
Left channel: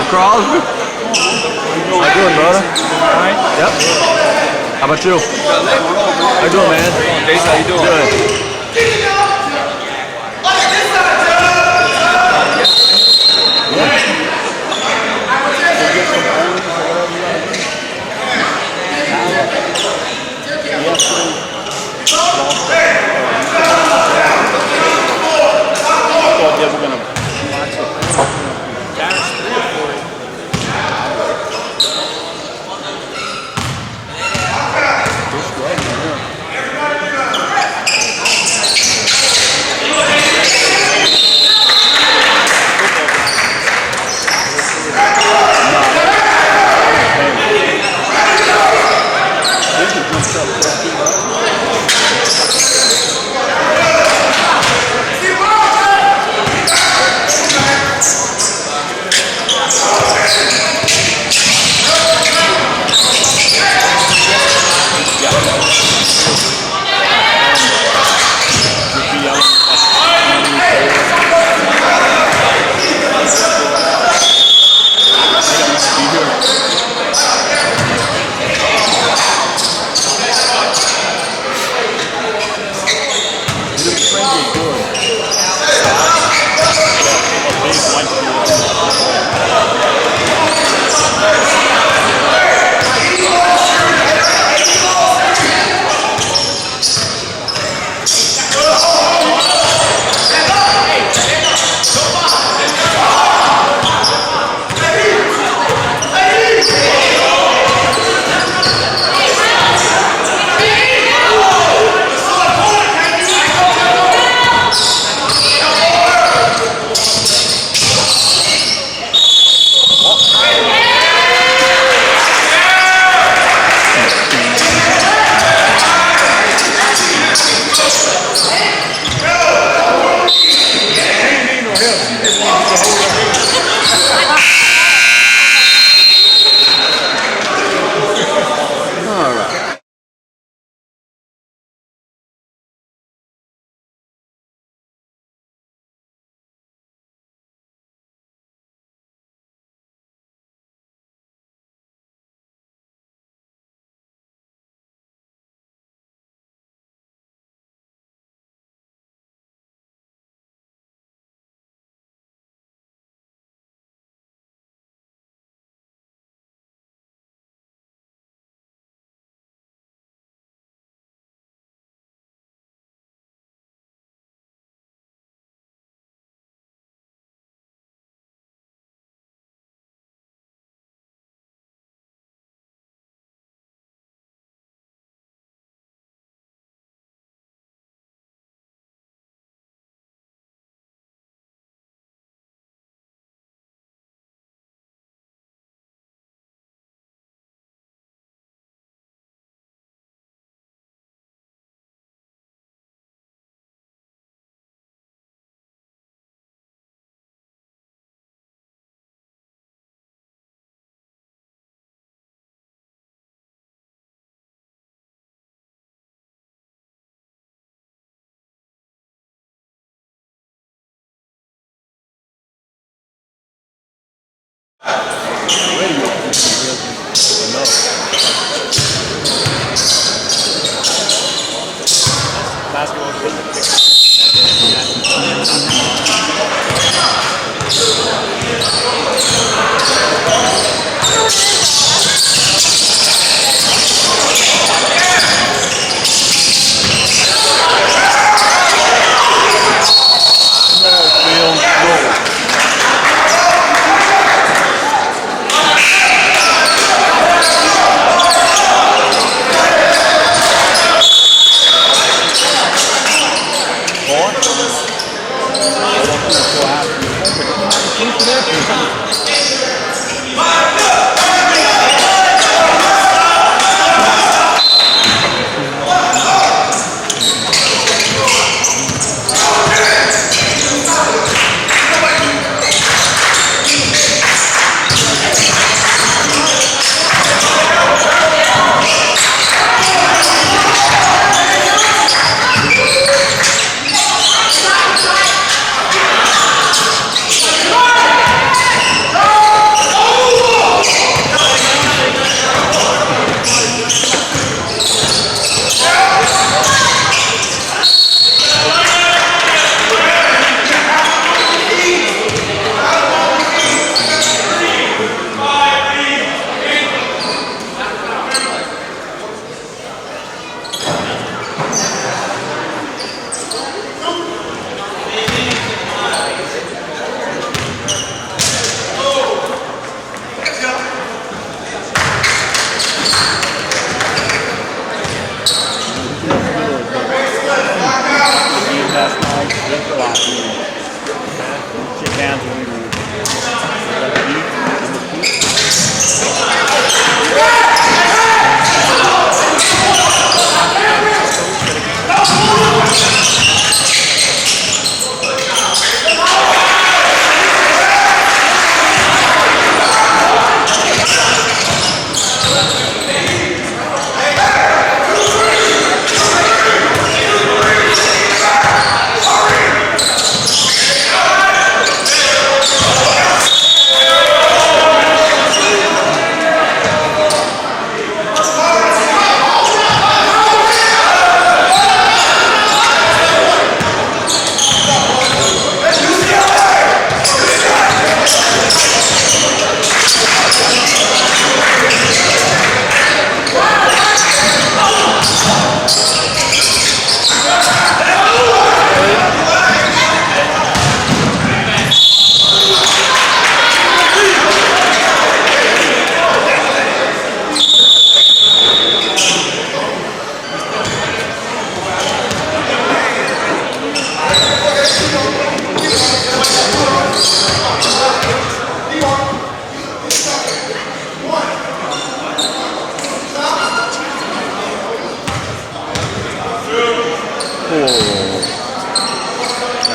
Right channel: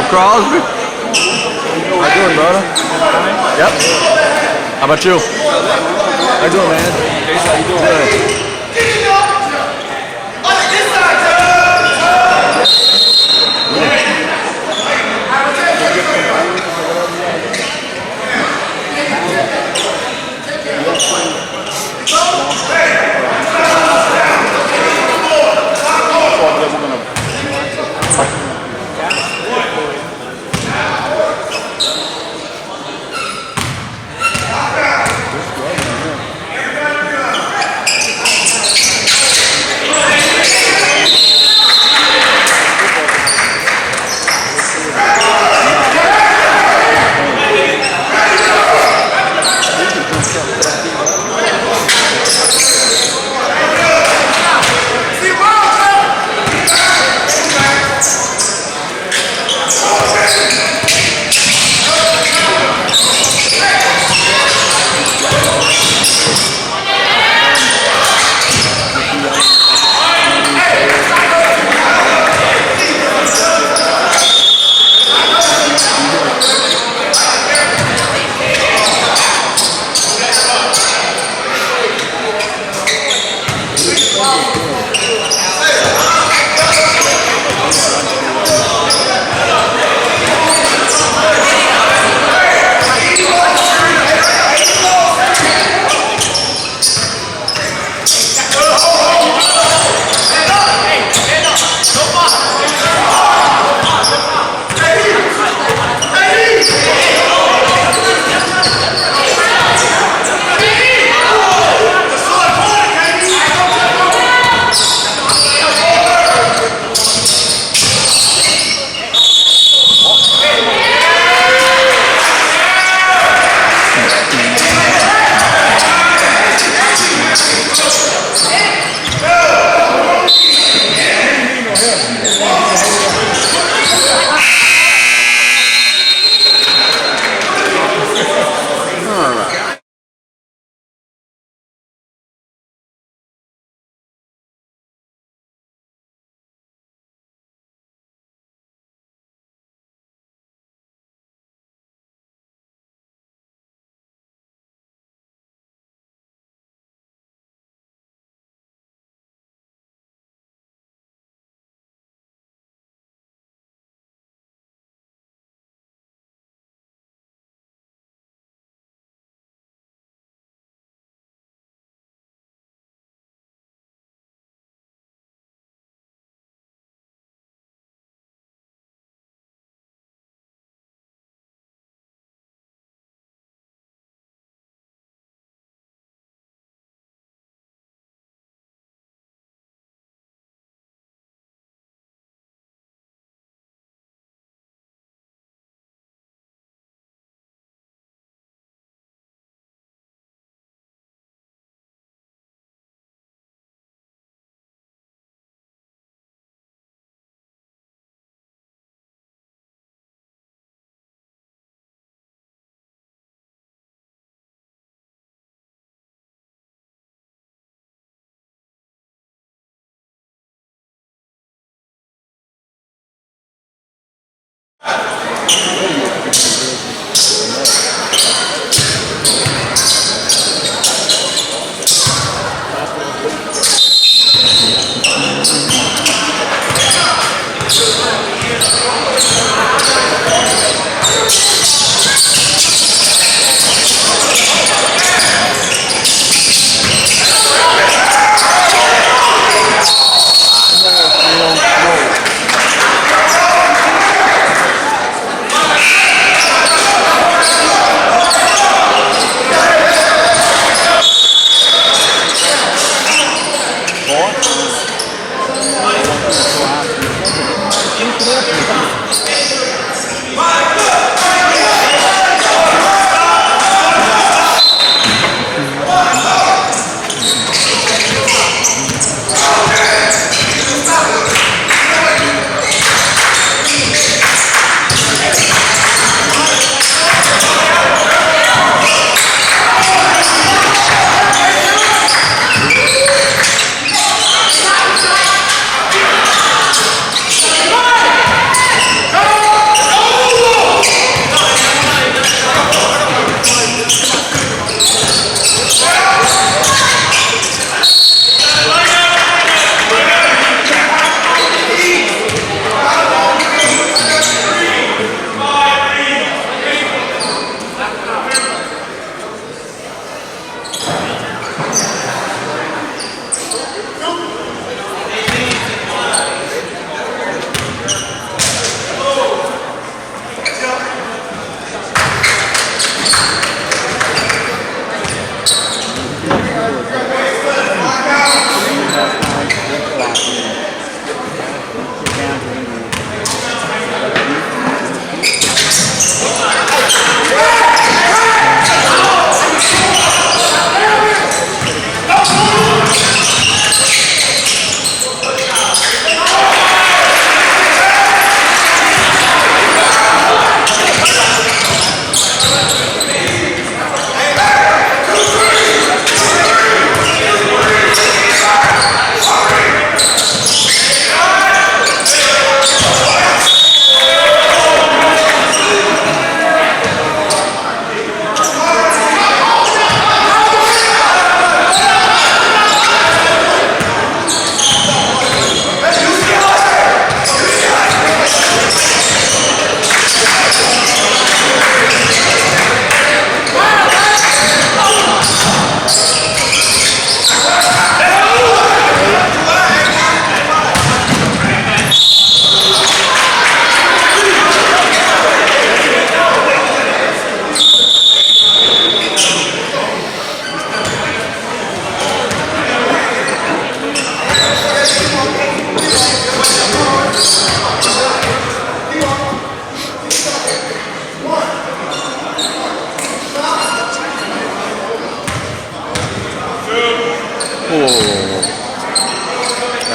Crosby. How you doing, brother? Yep. How about you? How you doing, man? How you doing? Good.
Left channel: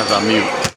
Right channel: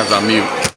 as I mute.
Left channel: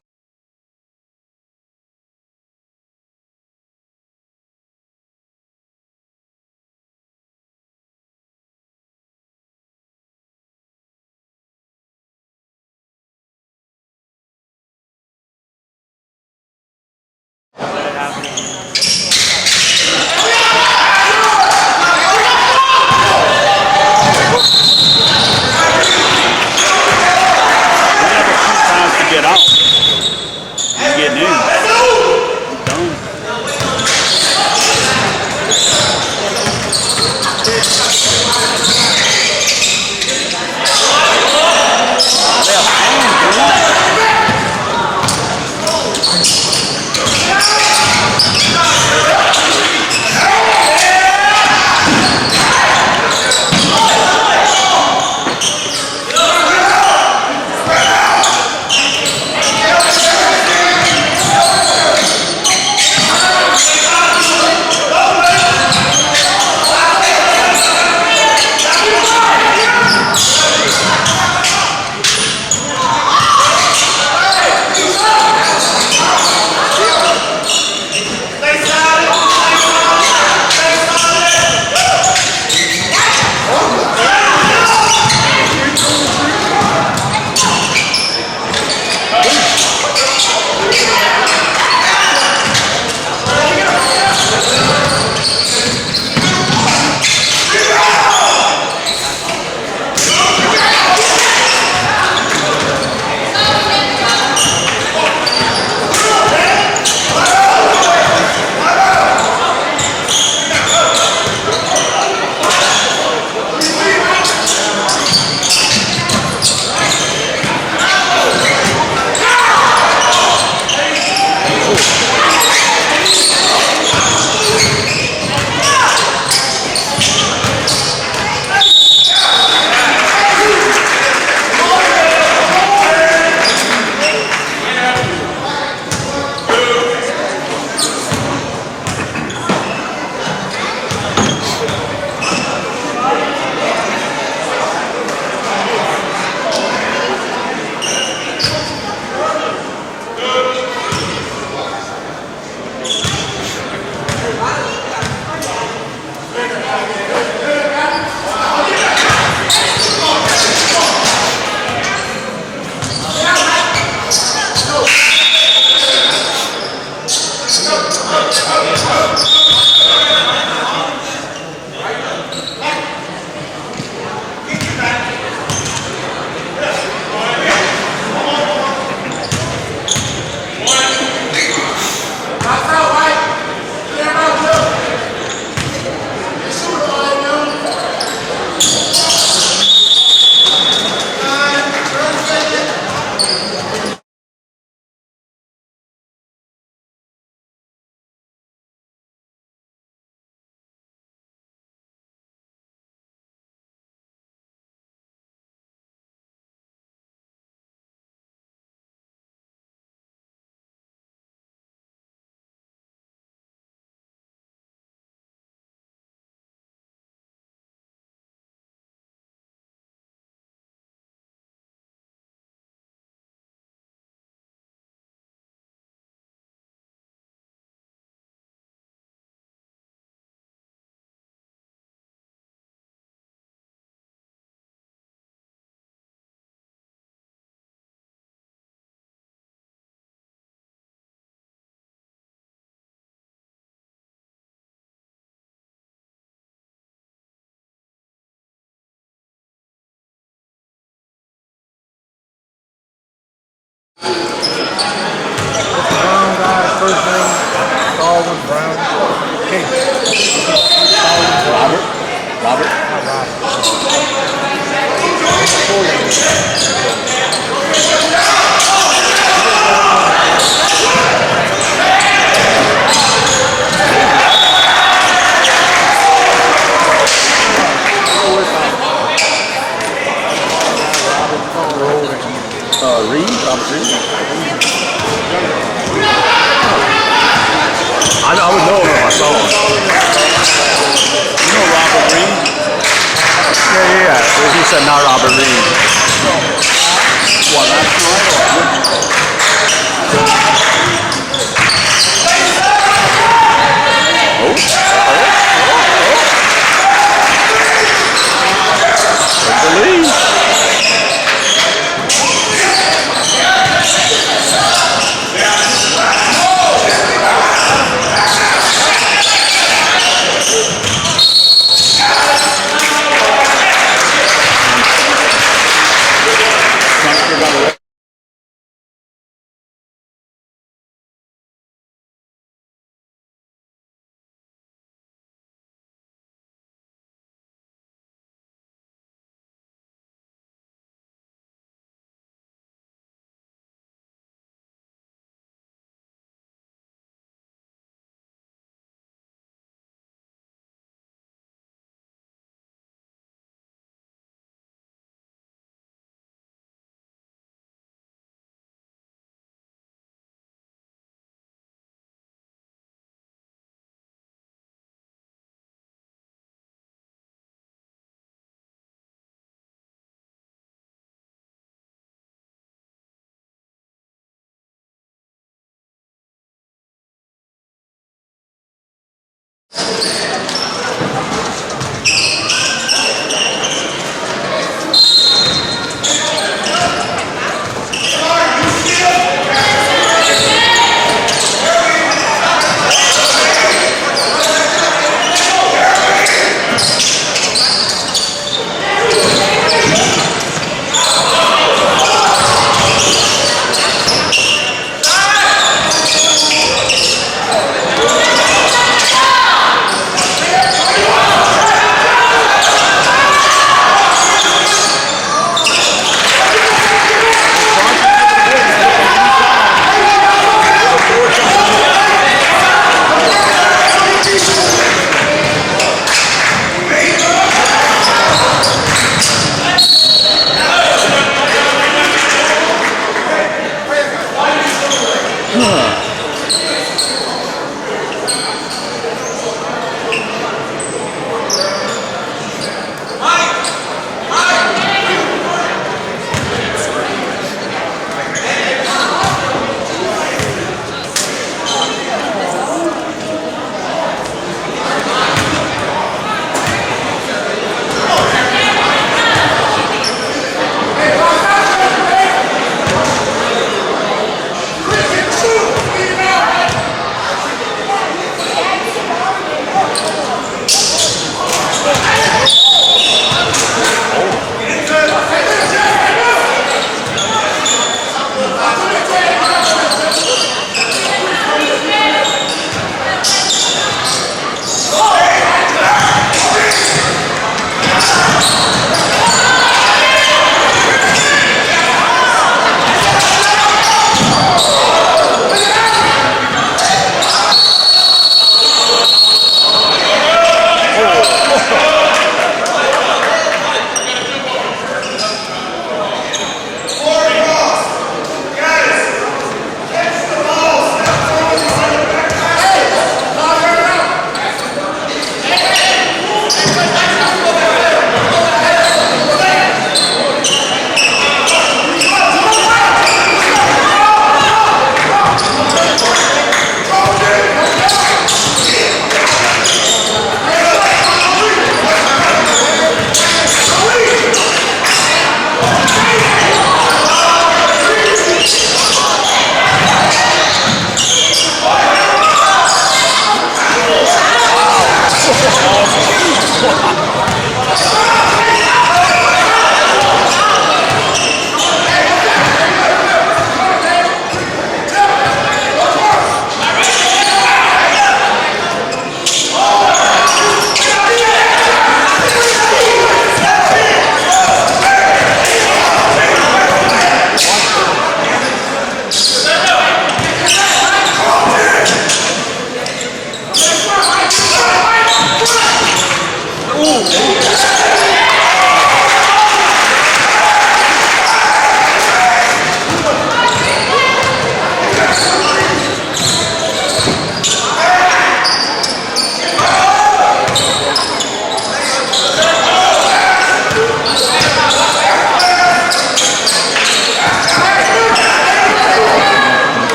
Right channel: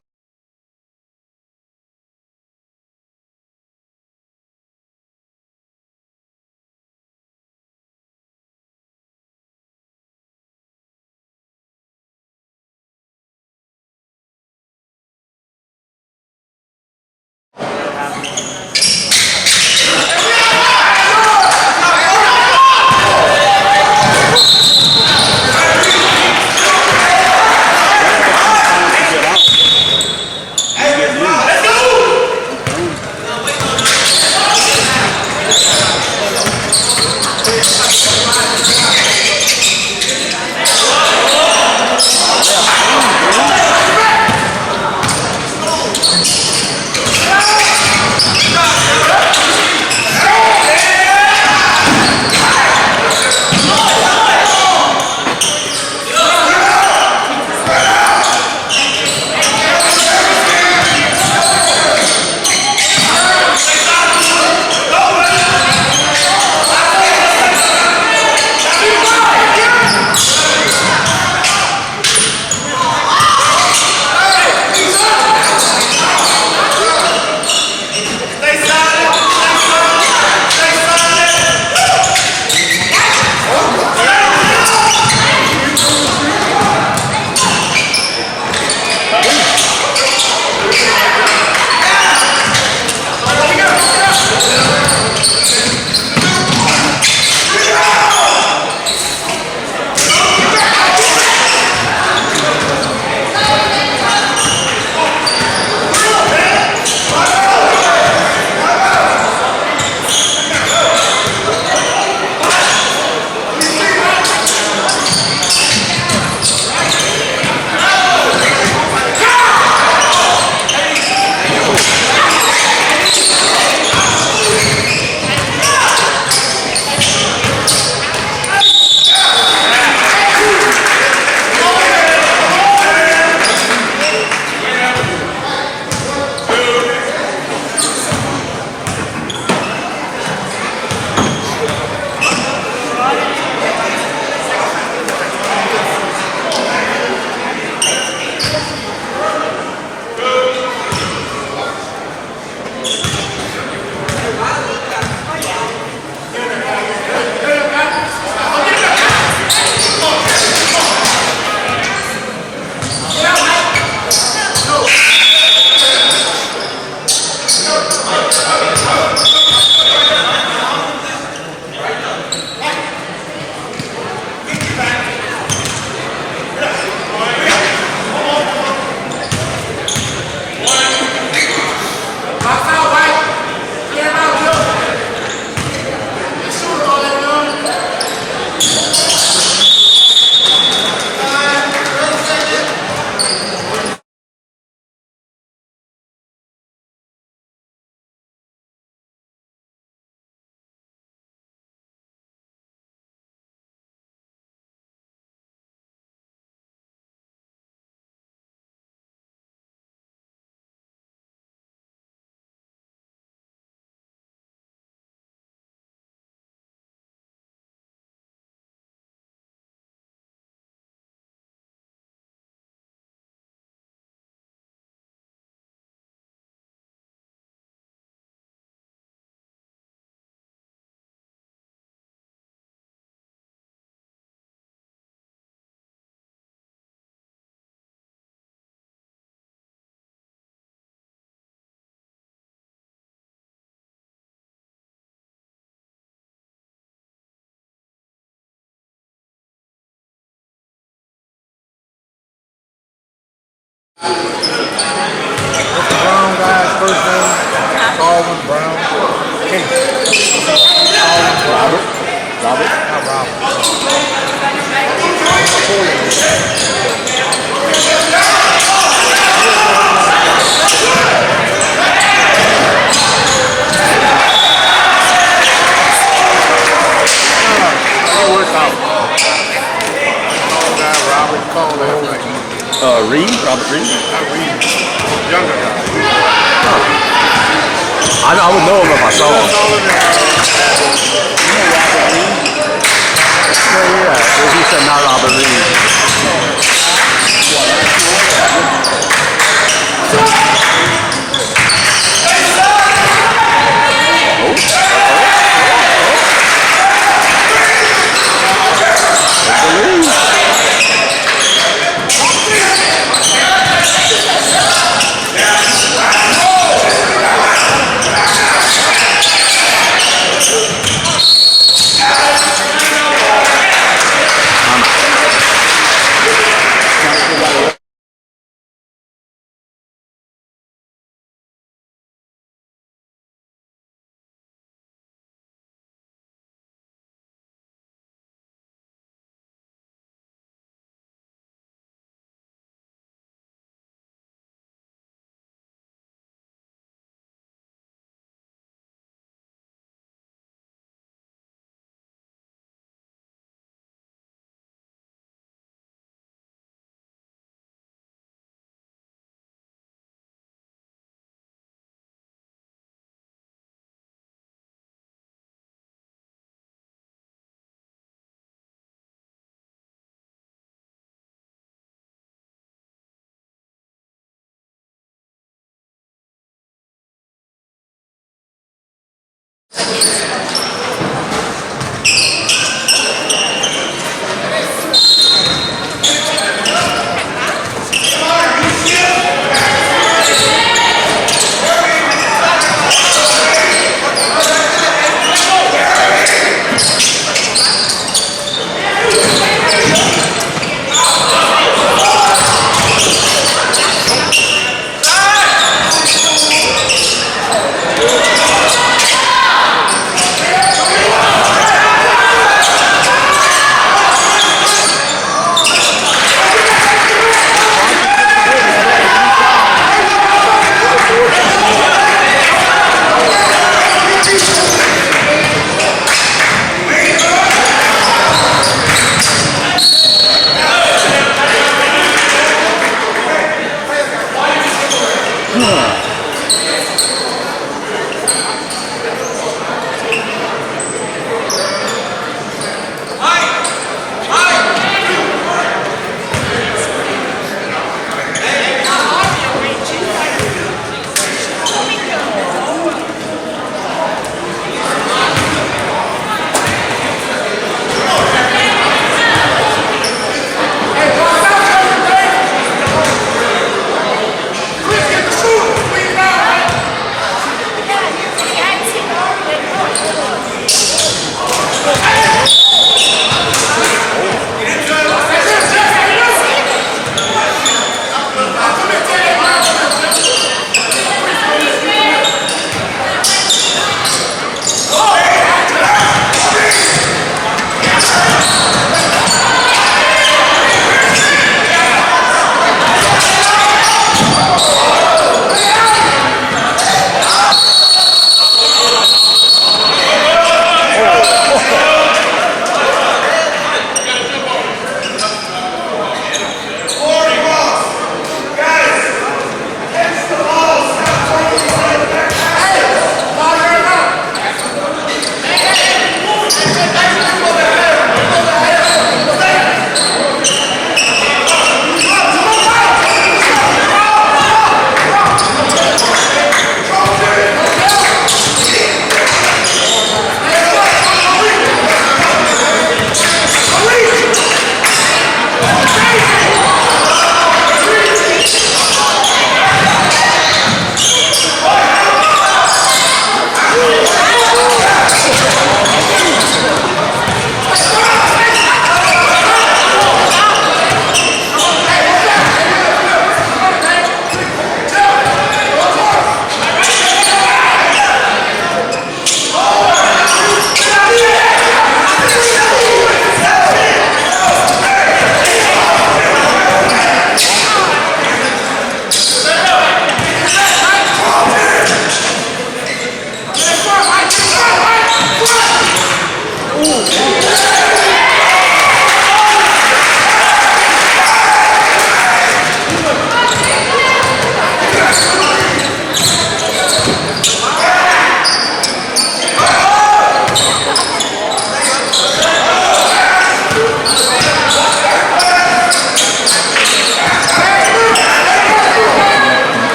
Brown guy's first name, Baldwin Brown. Robert. Not Robert. Robert Reed. I would know him if I saw him. You know Robert Reed? Yeah. He said not Robert Reed.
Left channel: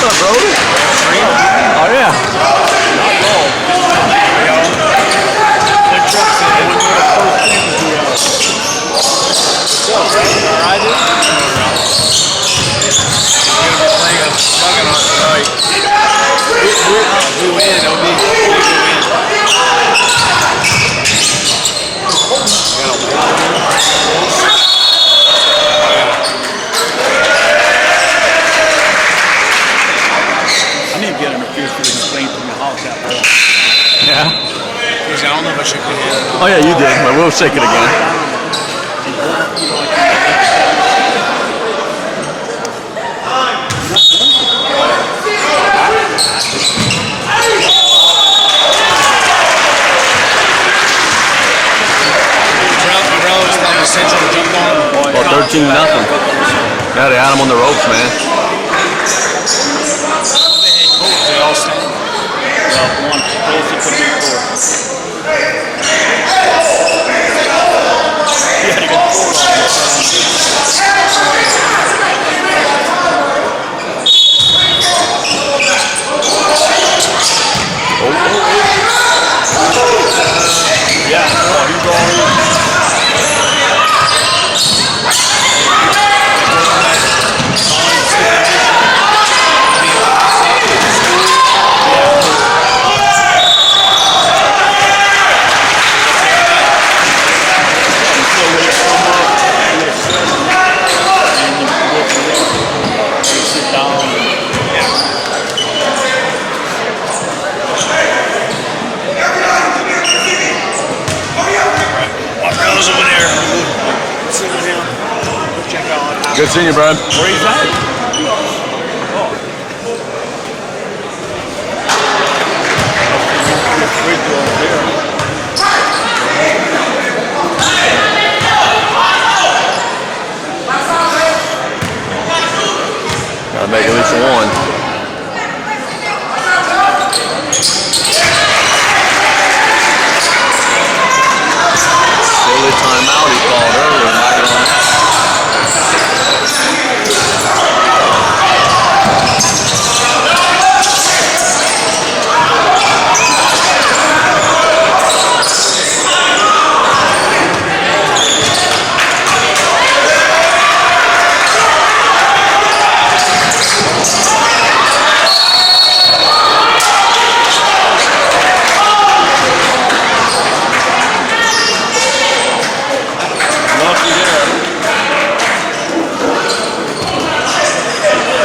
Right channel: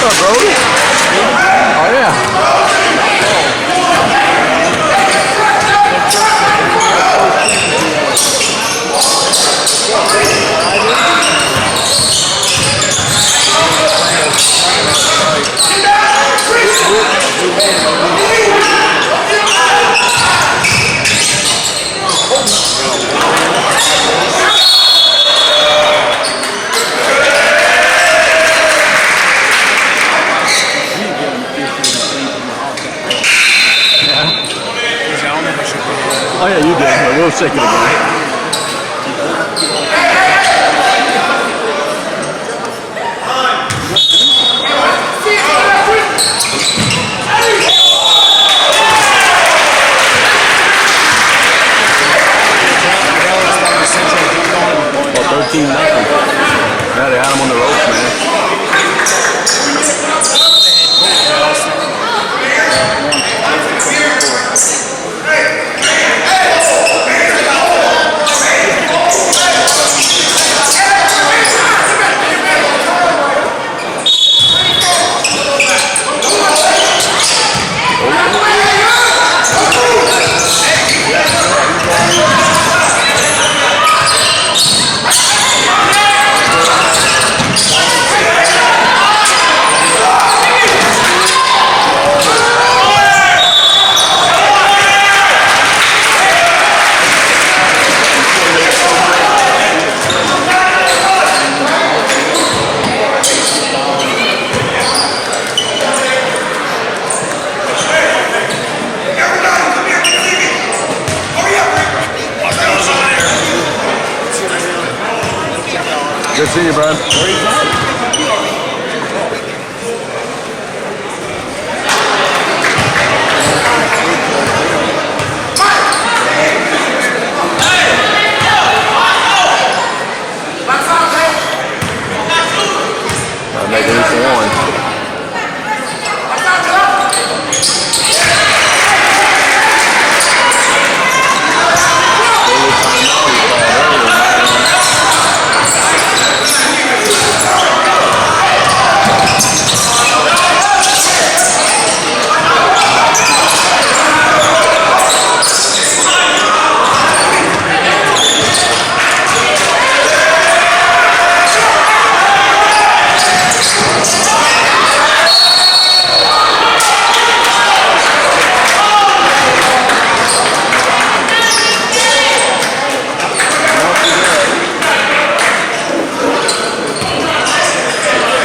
What's up, Brody? Oh, yeah. Oh yeah, you did, but we'll shake it again. Well, 13-0. Yeah, they had him on the ropes, man. Good seeing you, bud. make at least one. Early timeout he called earlier.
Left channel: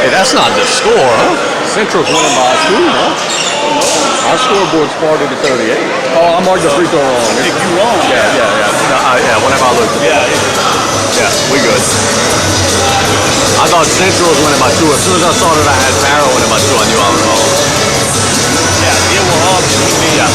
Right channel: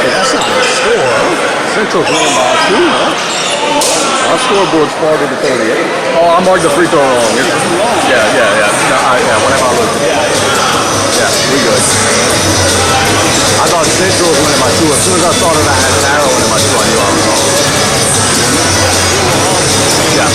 That's not the score, huh? Central's winning by 2, huh? Our scoreboard's 40 to 38. Oh, I marked the free throw wrong. Yeah. No, whatever I looked at. Yeah, we good. I thought Central was winning by 2. As soon as I saw that I had Arrow winning by 2, I knew I was wrong. Yeah.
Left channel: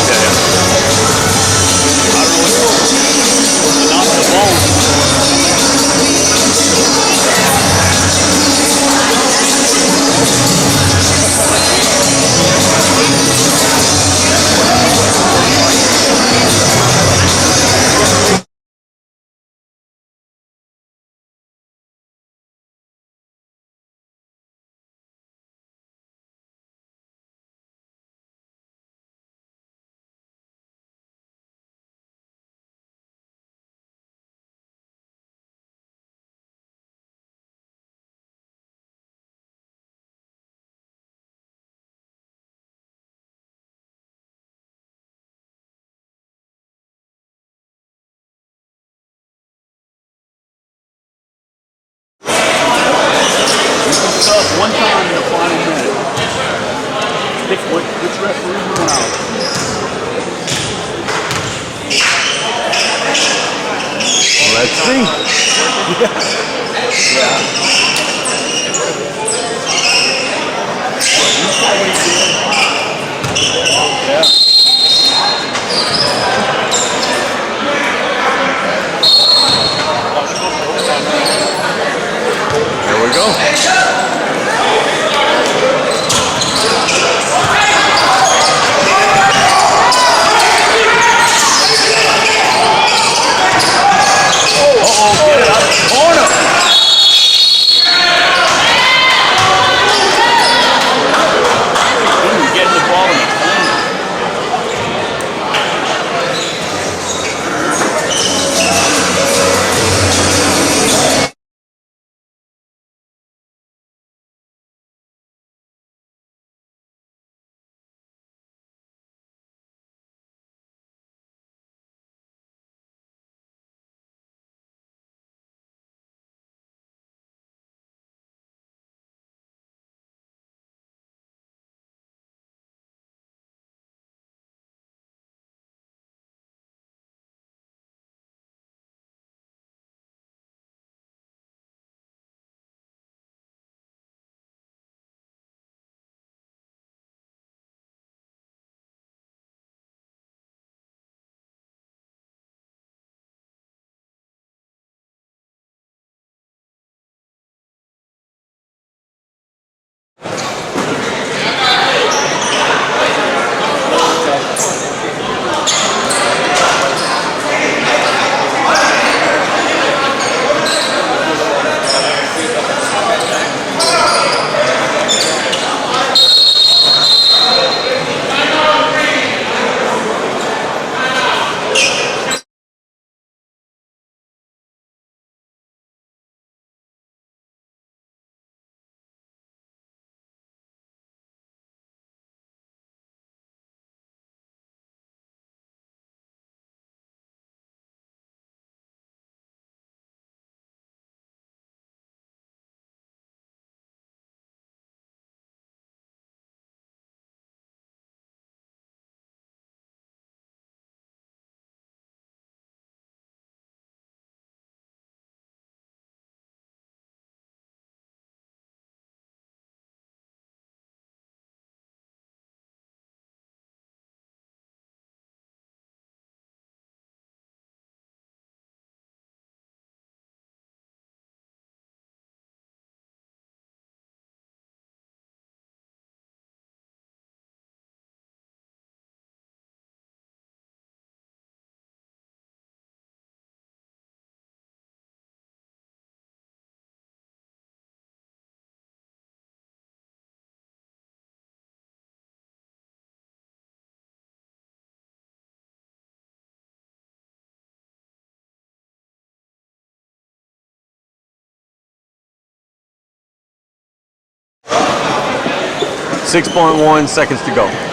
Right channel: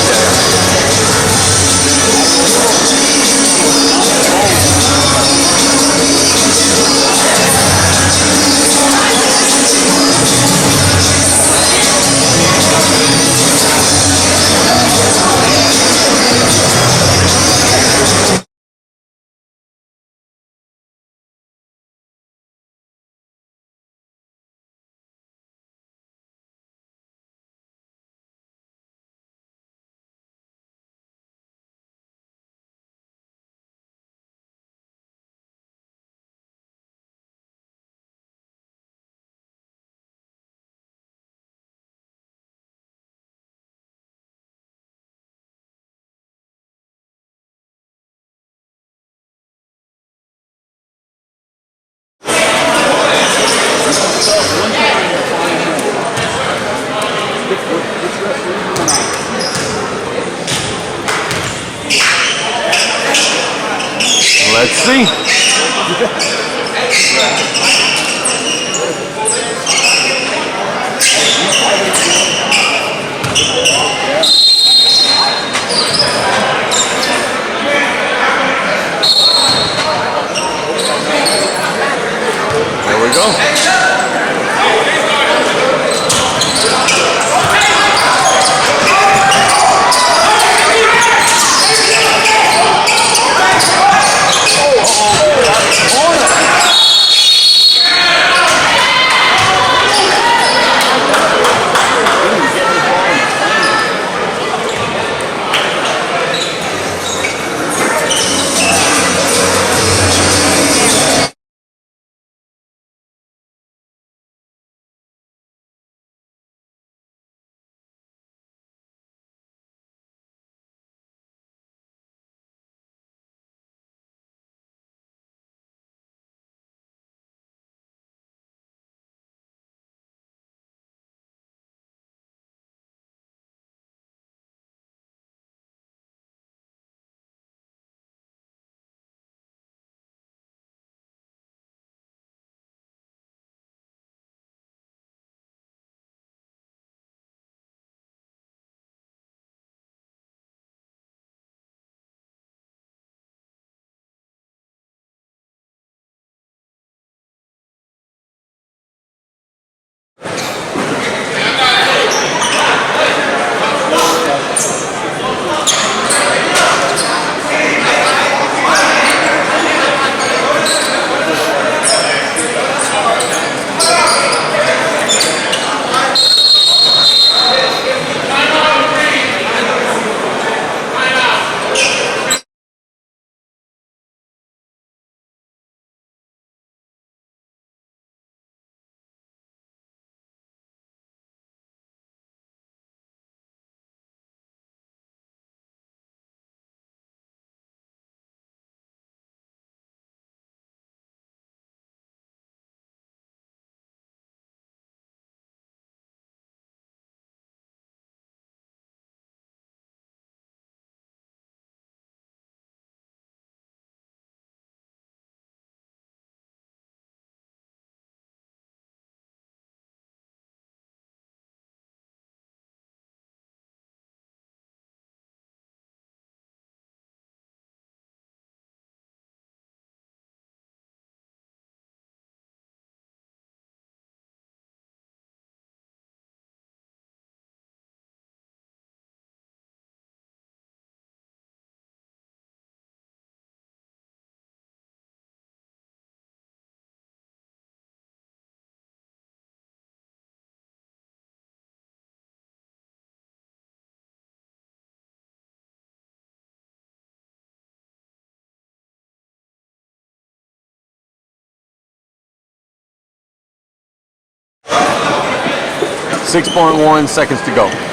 Let's see. Here we go. 6.1 seconds to go.